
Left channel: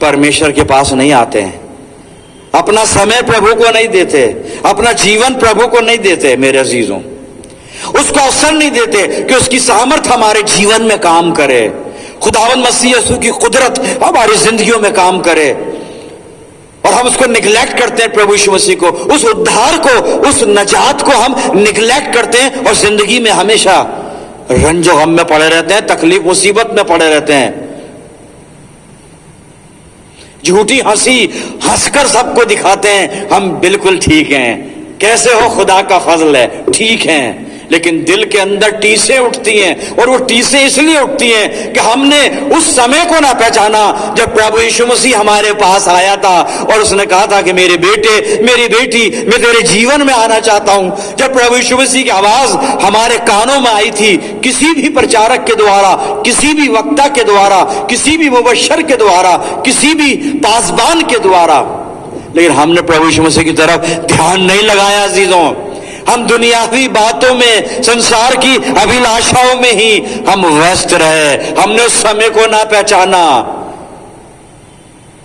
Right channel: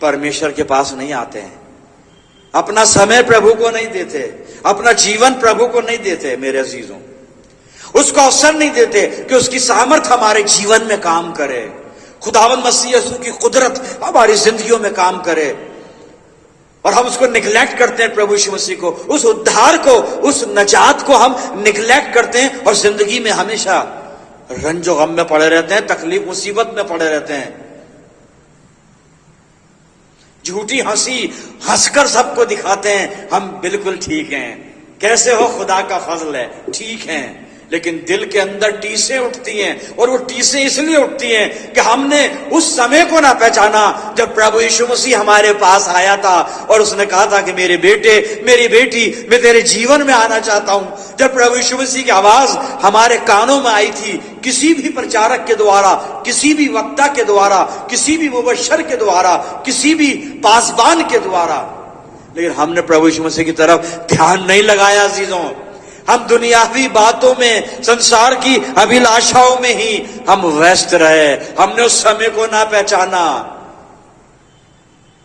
परमेश्वर के पास नहीं आते हैं, अपना समय प्रभु को नहीं देते, अपना जीवन प्रभु को नहीं देते मेरे अजीजों, उसको अवसर नहीं देते कि उसकी सामर्थ हमारे जीवन में काम करे, खुदावंद मसीह यीशु की कुदरत हमारी जिंदगियों में काम करे। और हम उसको निगलेक्ट करते हैं, प्रभु यीशु मसीह को, उस उद्धार को, उस नजात को हम निगलेक्ट करते हैं और जिंदगी में हमेशा रंजो गम में पड़े रहते हैं, तकलीफ मुसीबत में पड़े रहते हैं। झूठी हंसी हंसकर सबको दिखाते हैं हम बिल्कुल ठीक हैं, कैसे हो, खुदा का फजल है, ठीक हैं, लेकिन दिल के अंदर टीसें उठती हैं। और वो टीसें इसलिए उठती हैं कि हमने उस समय को ना पहचाना जब प्रभु यीशु मसीह हमारे पास आया था और उसने कहा था कि मेरे बेटे, मेरी बेटी, मैं तेरे जीवन में आना चाहता हूं। जब प्रभु यीशु मसीह की आवाज हमारे कानों में आई थी, किसी भी प्रचारक के द्वारा, किसी भी वक्ता के द्वारा, किसी भी मुबश्शिर के द्वारा, किसी भी पासबान के द्वारा, लेकिन हमने प्रभु यीशु मसीह की तरफ ध्यान नहीं लगाया अजीजों। हम दुनियावी बातों में, संसार की अभिलाषाओं में ही हम व्यस्त रहे, हमने उस समय को ना पहचाना।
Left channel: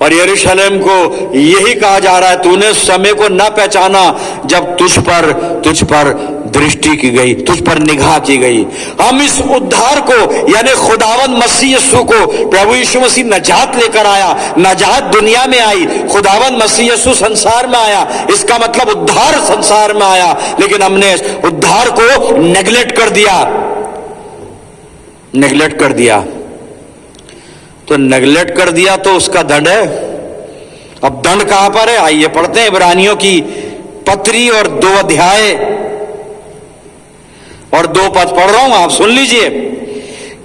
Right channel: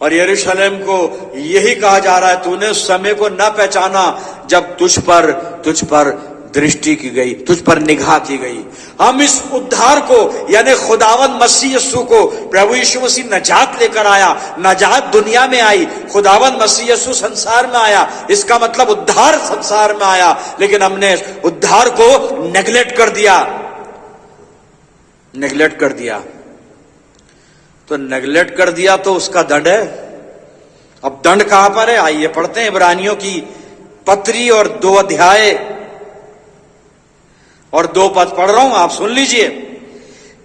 और यरूशलेम को यही कहा जा रहा है, तूने उस समय को ना पहचाना जब तुझ पर दृष्टि की गई, तुझ पर निगाह की गई। हम इस उद्धार को यानी खुदावंद मसीह यीशु को, प्रभु यीशु मसीह नजात लेकर आया, नजात दुनिया में आई, खुदावंद मसीह यीशु संसार में आया, इसका मतलब उद्धार संसार में आया, लेकिन हमने उद्धार को नेगलेक्ट कर दिया, नेगलेक्ट कर दिया। तो नेगलेक्ट कर दिया तो उसका दंड है। अब दंड कहां पर है, आइए पढ़ते हैं इब्रानियों की पत्री और 2 अध्याय और 2 पद पढ़ रहा हूं, आप सुन लीजिए।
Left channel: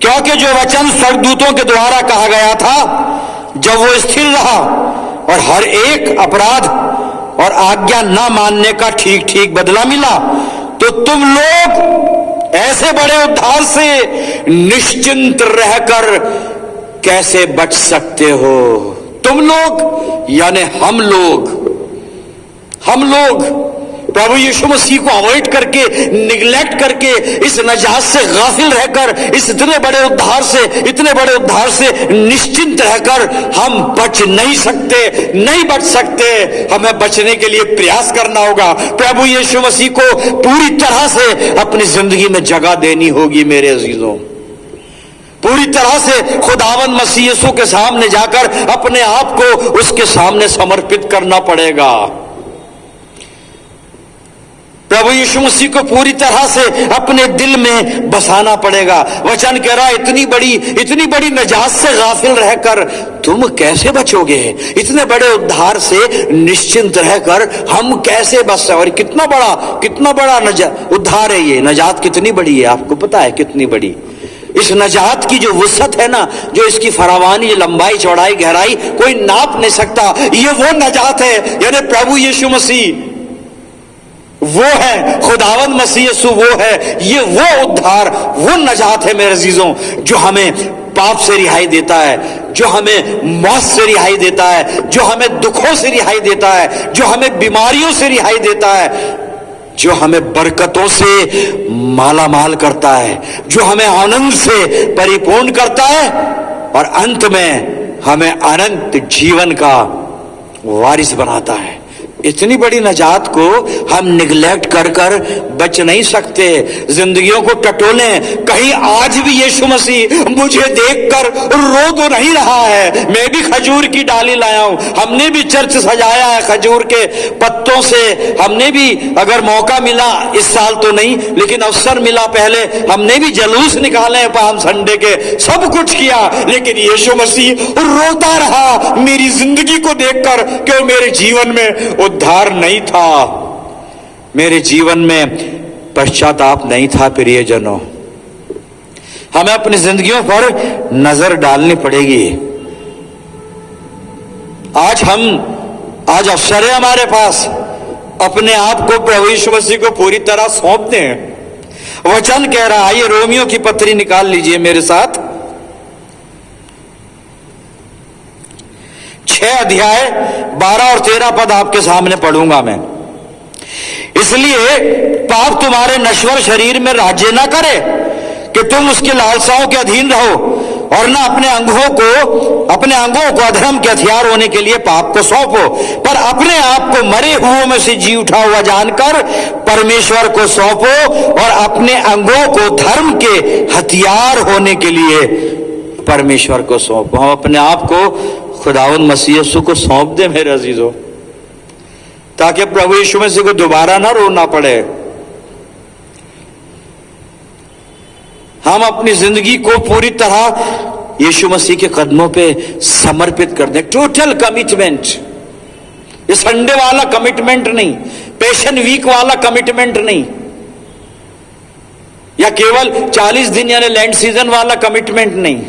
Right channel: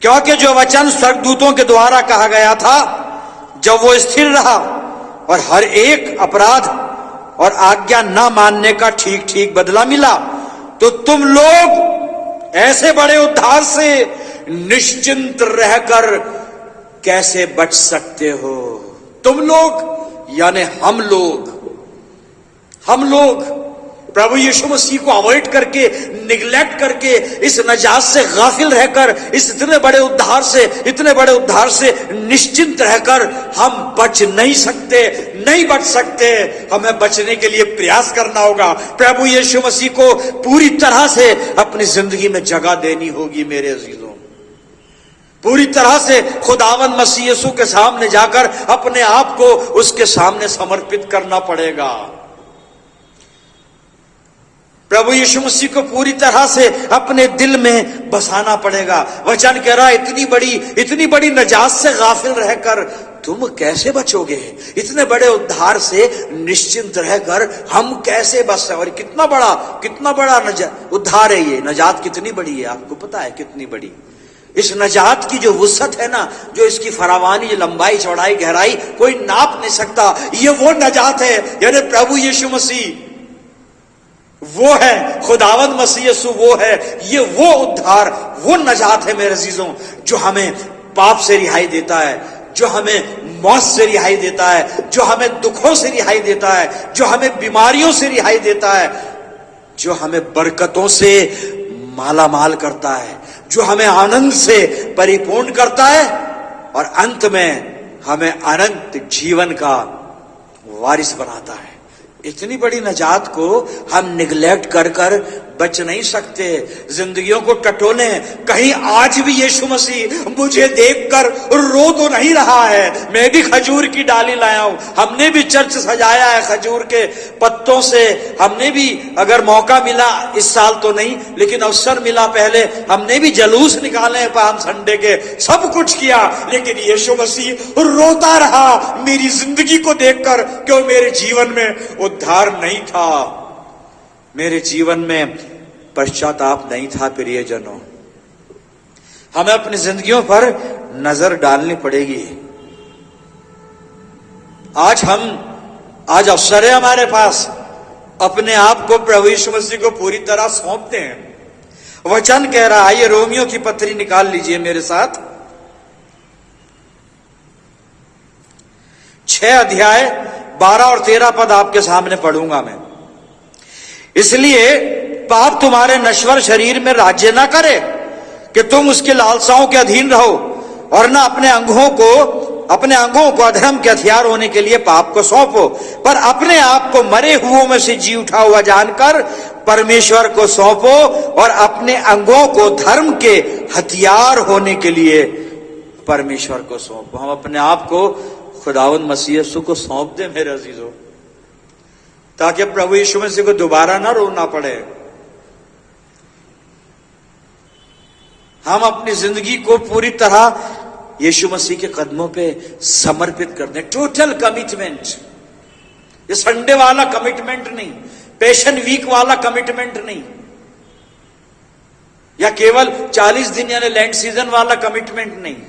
क्योंकि जो वचन स्वर्गदूतों के द्वारा कहा गया था, जब वो स्थिर रहा और हर एक अपराध और आज्ञा न मानने का ठीक ठीक बदला मिला, तो तुम लोग ऐसे बड़े उद्धार से निश्चिंत रहकर कैसे बच सकते हो। तुम लोग यानी हम लोग प्रभु यीशु मसीह को अवॉइड करके, निगलेक्ट करके, इस नजात से गाफिल रहकर, इस इतने बड़े उद्धार से निश्चिंत रहकर हम बच नहीं सकते, नहीं बच सकते। हमें बचने के लिए प्रयास करना होगा, प्रभु यीशु मसीह को पूरी तरह से अपनी जिंदगी में जगह देनी होगी मेरे अजीजों। पूरी तरह से खुदावंद मसीह यीशु के सामने जाकर अपने आप को उसके सामने समर्पित करना पड़ेगा। प्रभु यीशु मसीह को पूरी तरह से अपने दिल में बसाना पड़ेगा। वचन कह रहा है इतनी बड़ी नजात से गाफिल रहकर तुम कैसे बचोगे, इतने बड़े उद्धार से निश्चिंत रहकर हम कैसे बच। और कितना बड़ा उद्धार है ये, नजात कितनी बड़ी है, आपको पता है कितनी बड़ी। इस नजात की जो वुसअत है ना, जो इसकी फरावानी, लंबाई, चौड़ाई, गहराई कोई नाप नहीं सकता। ये वो नजात है, यानी प्रभु यीशु मसीह वो है, खुदावंद मसीह यीशु वो है, ये वो उद्धार, वो नजात है मेरे अजीजों, जो हमें पाप से रिहाई देता है, जो हमें मौत से रिहाई देता है, जो हमें दुखों से रिहाई देता है, जो हमें बीमारियों से रिहाई देता है, जो हमें बरकतों से माला माल करता है, जो हमें आनंद से परिपूर्ण करता है और अंत में हमें अनंत जीवन का वारिस बनाता है। इतनी बड़ी नजात को हम निगलेक्ट कर कर बच नहीं सकते, जिंदगियों को टटोलें। कहीं आज भी यीशु मसीह मुझे देखकर रो तो नहीं रहा है। मैं भी खजूर की डाली लाया हूं, हमने भी चर्च सजाया है खजूर के पत्तों से। हमने भी अगर मौका मिला, इस साल तो नहीं लेकिन अवसर मिला पहले, हमने भी जलूस निकाले पाम संडे के, सब कुछ किया। लेकिन यीशु मसीह रोता रहा मेरी जिंदगी को देखकर, क्यों? मेरे जीवन में उद्धार नहीं था, मेरे जीवन में पश्चाताप नहीं था। प्रियजनों, हमें अपनी जिंदगियों पर नजर डालनी पड़ेगी। आज अवसर है हमारे पास, अपने आप को प्रभु यीशु मसीह को पूरी तरह सौंप दें। वचन कह रहा है, ये रोमियो की पत्री निकाल लीजिए मेरे साथ, 6 अध्याय 12 और 13 पद आपके सामने पढ़ूंगा मैं। इसलिए पाप तुम्हारे नश्वर शरीर में राज्य ना करे कि तुम उसकी लालसाओं के अधीन रहो, और ना अपने अंगों को अधर्म के हथियार होने के लिए पाप को सौंपो, पर अपने आप को मरे हुओं में से जी उठा हुआ जानकर परमेश्वर को सौंपो, और अपने अंगों को धर्म के हथियार होने के लिए परमेश्वर को सौंपो। हम अपने आप को खुदावंद मसीह यीशु को सौंप दे मेरे अजीजों, ताकि प्रभु यीशु मसीह को दोबारा ना रोना पड़े। हम अपनी जिंदगी को पूरी तरह यीशु मसीह के कदमों पे समर्पित कर दें। टोटल कमिटमेंट, ये संडे वाला कमिटमेंट नहीं, पैशन वीक वाला कमिटमेंट नहीं, या केवल 40 दिन यानी लैंड सीजन वाला कमिटमेंट नहीं।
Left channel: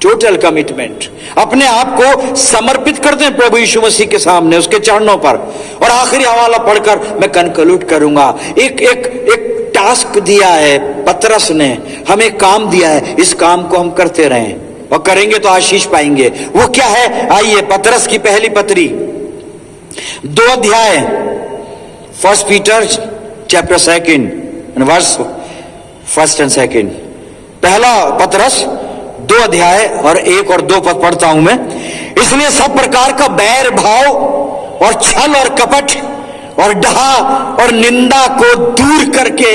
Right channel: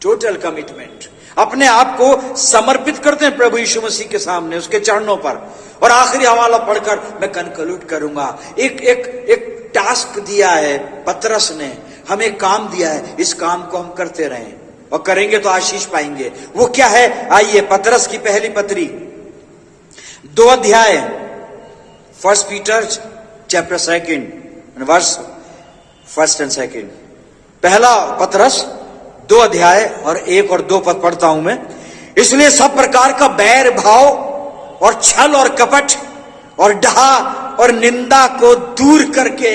टोटल कमिटमेंट, अपने आप को समर्पित कर दें प्रभु यीशु मसीह के सामने, उसके चरणों पर। और आखिरी हवाला पढ़कर मैं कंक्लूड करूंगा। एक टास्क दिया है पतरस ने, हमें काम दिया है, इस काम को हम करते रहें और करेंगे तो आशीष पाएंगे। वो क्या है? आइए, पतरस की पहली पत्री 2 अध्याय 1 पीटर चैप्टर 2 वर्स 1 और 2। पहला पतरस 2 अध्याय और 1 और 2 पद पढ़ता हूं मैं। इसलिए सब प्रकार का बैर भाव और छल और कपट और डहा और निंदा को दूर करके,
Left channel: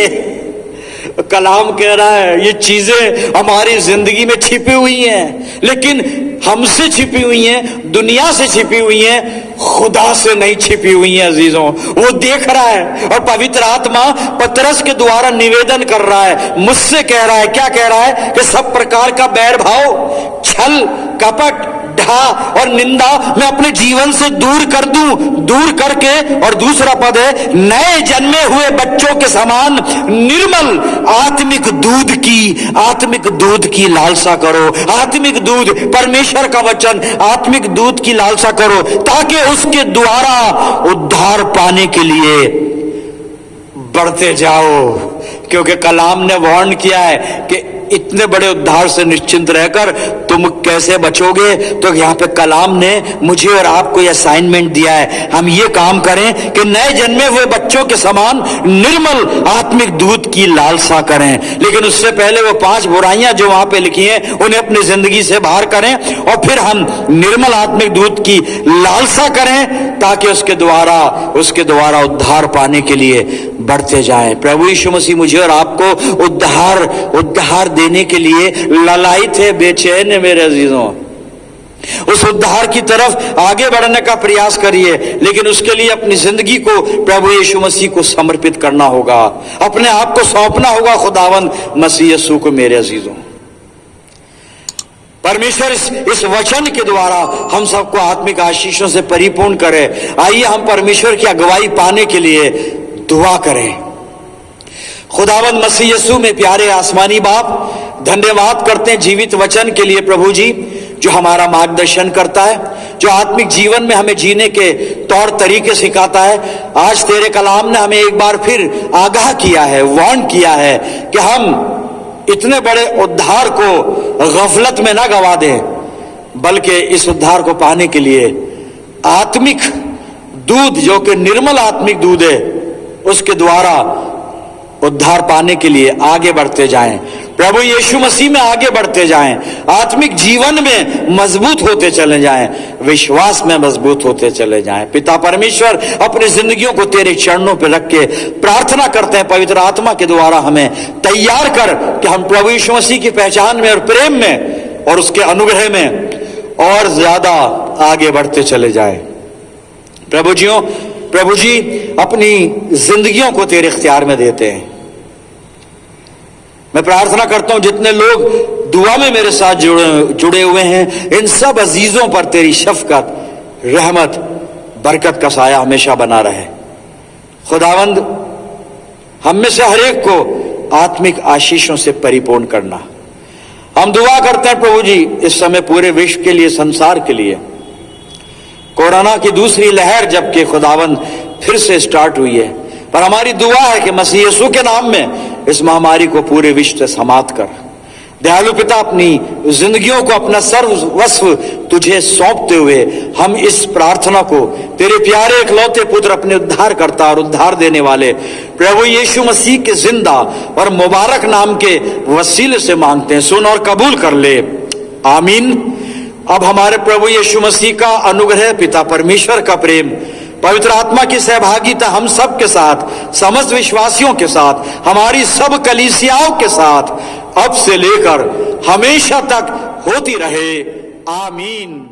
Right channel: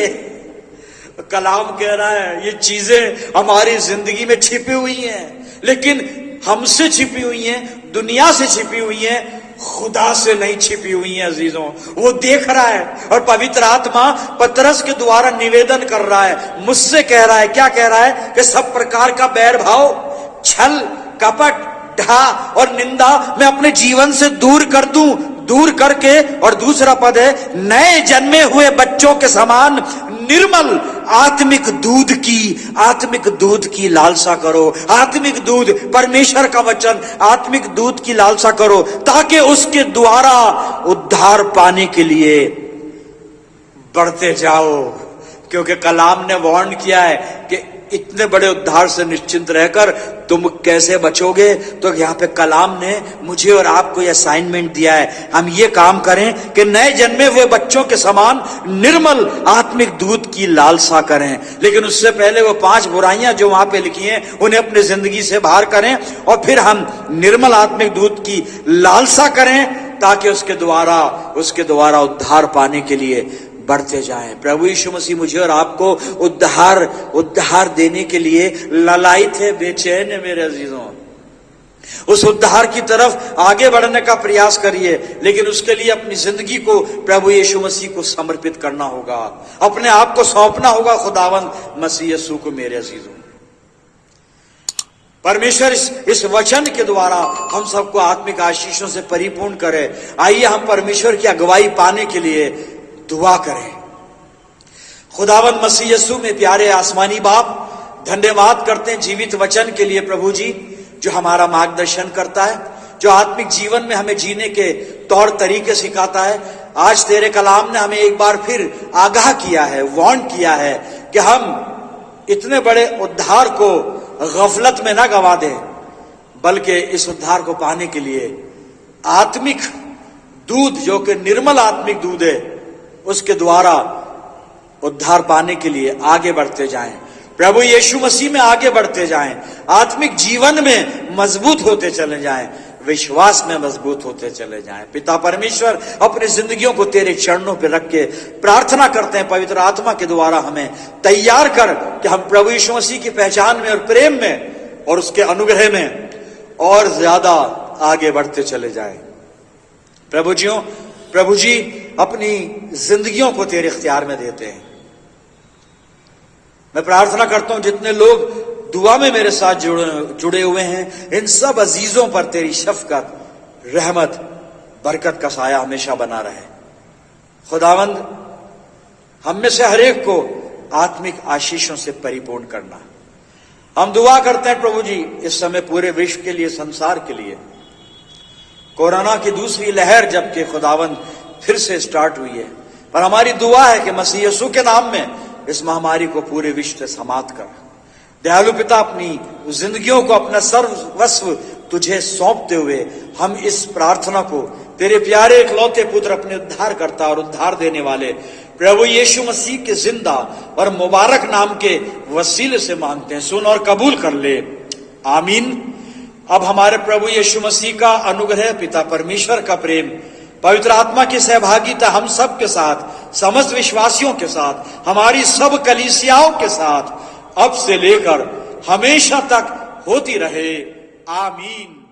कलाम कह रहा है ये चीजें हमारी जिंदगी में छिपी हुई हैं, लेकिन हमसे छिपी हुई हैं, दुनिया से छिपी हुई हैं, खुदा से नहीं छिपी हुई हैं अजीजों। वो देख रहा है और पवित्र आत्मा पतरस के द्वारा निवेदन कर रहा है, मुझसे कह रहा है। क्या कह रहा है? कि सब प्रकार का बैर भाव, छल, कपट, ढा और निंदा मैं अपने जीवन से दूर कर दूं, दूर करके। और दूसरा पद है, नए जन्मे हुए बच्चों के समान निर्मल आत्मिक दूध की लालसा करो। आत्मिक दूध, परमेश्वर का वचन, आत्मिक दूध की लालसा करो, ताकि उसके द्वारा उद्धार पाने के लिए बढ़ते जाओ। क्योंकि कलाम ने वार्न किया है कि इतने बड़े उद्धार से निश्चिंत रहकर तुम कैसे बचोगे। तो यहाँ पे कलाम ने मुझे और आपको यह असाइनमेंट दिया है, हम ये काम करें कि नए जन्मे हुए बच्चों के समान निर्मल आत्मिक दूध की लालसा करें। लेकिन उससे पहले वो 5 बुराइयां जो वहां पे लिखी हैं उन्हें अपनी जिंदगी से बाहर करें, और फिर हम निर्मल आत्मिक दूध की लालसा करें, ताकि उसके द्वारा उद्धार पाने के लिए बढ़ते जाएं। प्रभु यीशु मसीह मुझे और आपको उद्धार देने के लिए ललायित है, बेचैन है मेरे अजीजों। उस उद्धार की तरफ आगे बढ़ने का प्रयास करिए, लेकिन उसके लिए अपनी जिंदगी को प्रभु यीशु मसीह को समर्पित करना होगा, अपने आप को सौंपना होगा खुदावंद मसीह यीशु को मेरे अजीजों। परमेश्वर इस वचन के द्वारा हम सबको आत्मिक आशीषों से परिपूर्ण करे। आइए हम परमेश्वर की अगुवाई पाने के लिए दुआ करें। खुदावंद मसीह यीशु में प्यारे आसमानी बाप, धन्यवाद करते हैं जीवित वचन के लिए प्रभु जी, जो हमारा मार्गदर्शन करता है, जो आत्मिक जीवन में हमें जीने के तौर तरीके सिखाता है। आज तेरे कलाम ने हमें एक बार फिर आगाह किया है, वार्न किया है कि हम इतने बड़े उद्धार को गफलत में ना गवा दें, बल्कि इस उद्धार को पाने के लिए आत्मिक दूध, जो कि निर्मल आत्मिक दूध है, उसके द्वारा उद्धार पाने के लिए आगे बढ़ते जाएं। प्रभु यीशु मसीह में आगे बढ़ते जाएं, आत्मिक जीवन में मजबूत होते चले जाएं, विश्वास में मजबूत होते चले जाएं। पिता परमेश्वर, अपनी जिंदगियों को तेरे चरणों पर रख के प्रार्थना करते हैं, पवित्र आत्मा के द्वारा हमें तैयार कर कि हम प्रभु यीशु मसीह की पहचान में और प्रेम में और उसके अनुग्रह में और ज्यादा आगे बढ़ते चले जाएं। प्रभु जी अपनी जिंदगियों को तेरे इख्तियार में देते हैं। मैं प्रार्थना करता हूं जितने लोग दुआ में मेरे साथ जुड़े हुए हैं, इन सब अजीजों पर तेरी शफकत, रहमत, बरकत का साया हमेशा बना रहे। खुदावंद, हम में से हर एक को आत्मिक आशीषों से परिपूर्ण करना। हम दुआ करते हैं प्रभु जी इस समय पूरे विश्व के लिए, संसार के लिए। कोरोना की दूसरी लहर जबकि खुदावंद फिर से स्टार्ट हुई है, पर हमारी दुआ है कि मसीह यीशु के नाम में इस महामारी को पूरे विश्व से समाप्त कर। दयालु पिता, अपनी जिंदगियों को, अपना सर्वस्व तुझे सौंपते हुए हम इस प्रार्थना को तेरे प्यारे इकलौते पुत्र, अपने उद्धारकर्ता और उद्धार देने वाले प्रभु यीशु मसीह के जिंदा और मुबारक नाम के वसीले से मांगते हैं। सुन और कबूल कर ले, आमीन। अब हमारे प्रभु यीशु मसीह का अनुग्रह, पिता परमेश्वर का प्रेम, पवित्र आत्मा की सहभागिता हम सब के साथ, समस्त विश्वासियों के साथ, हमारी सब कलीसियाओं के साथ अब से लेकर हमेशा तक होती रहे, आमीन।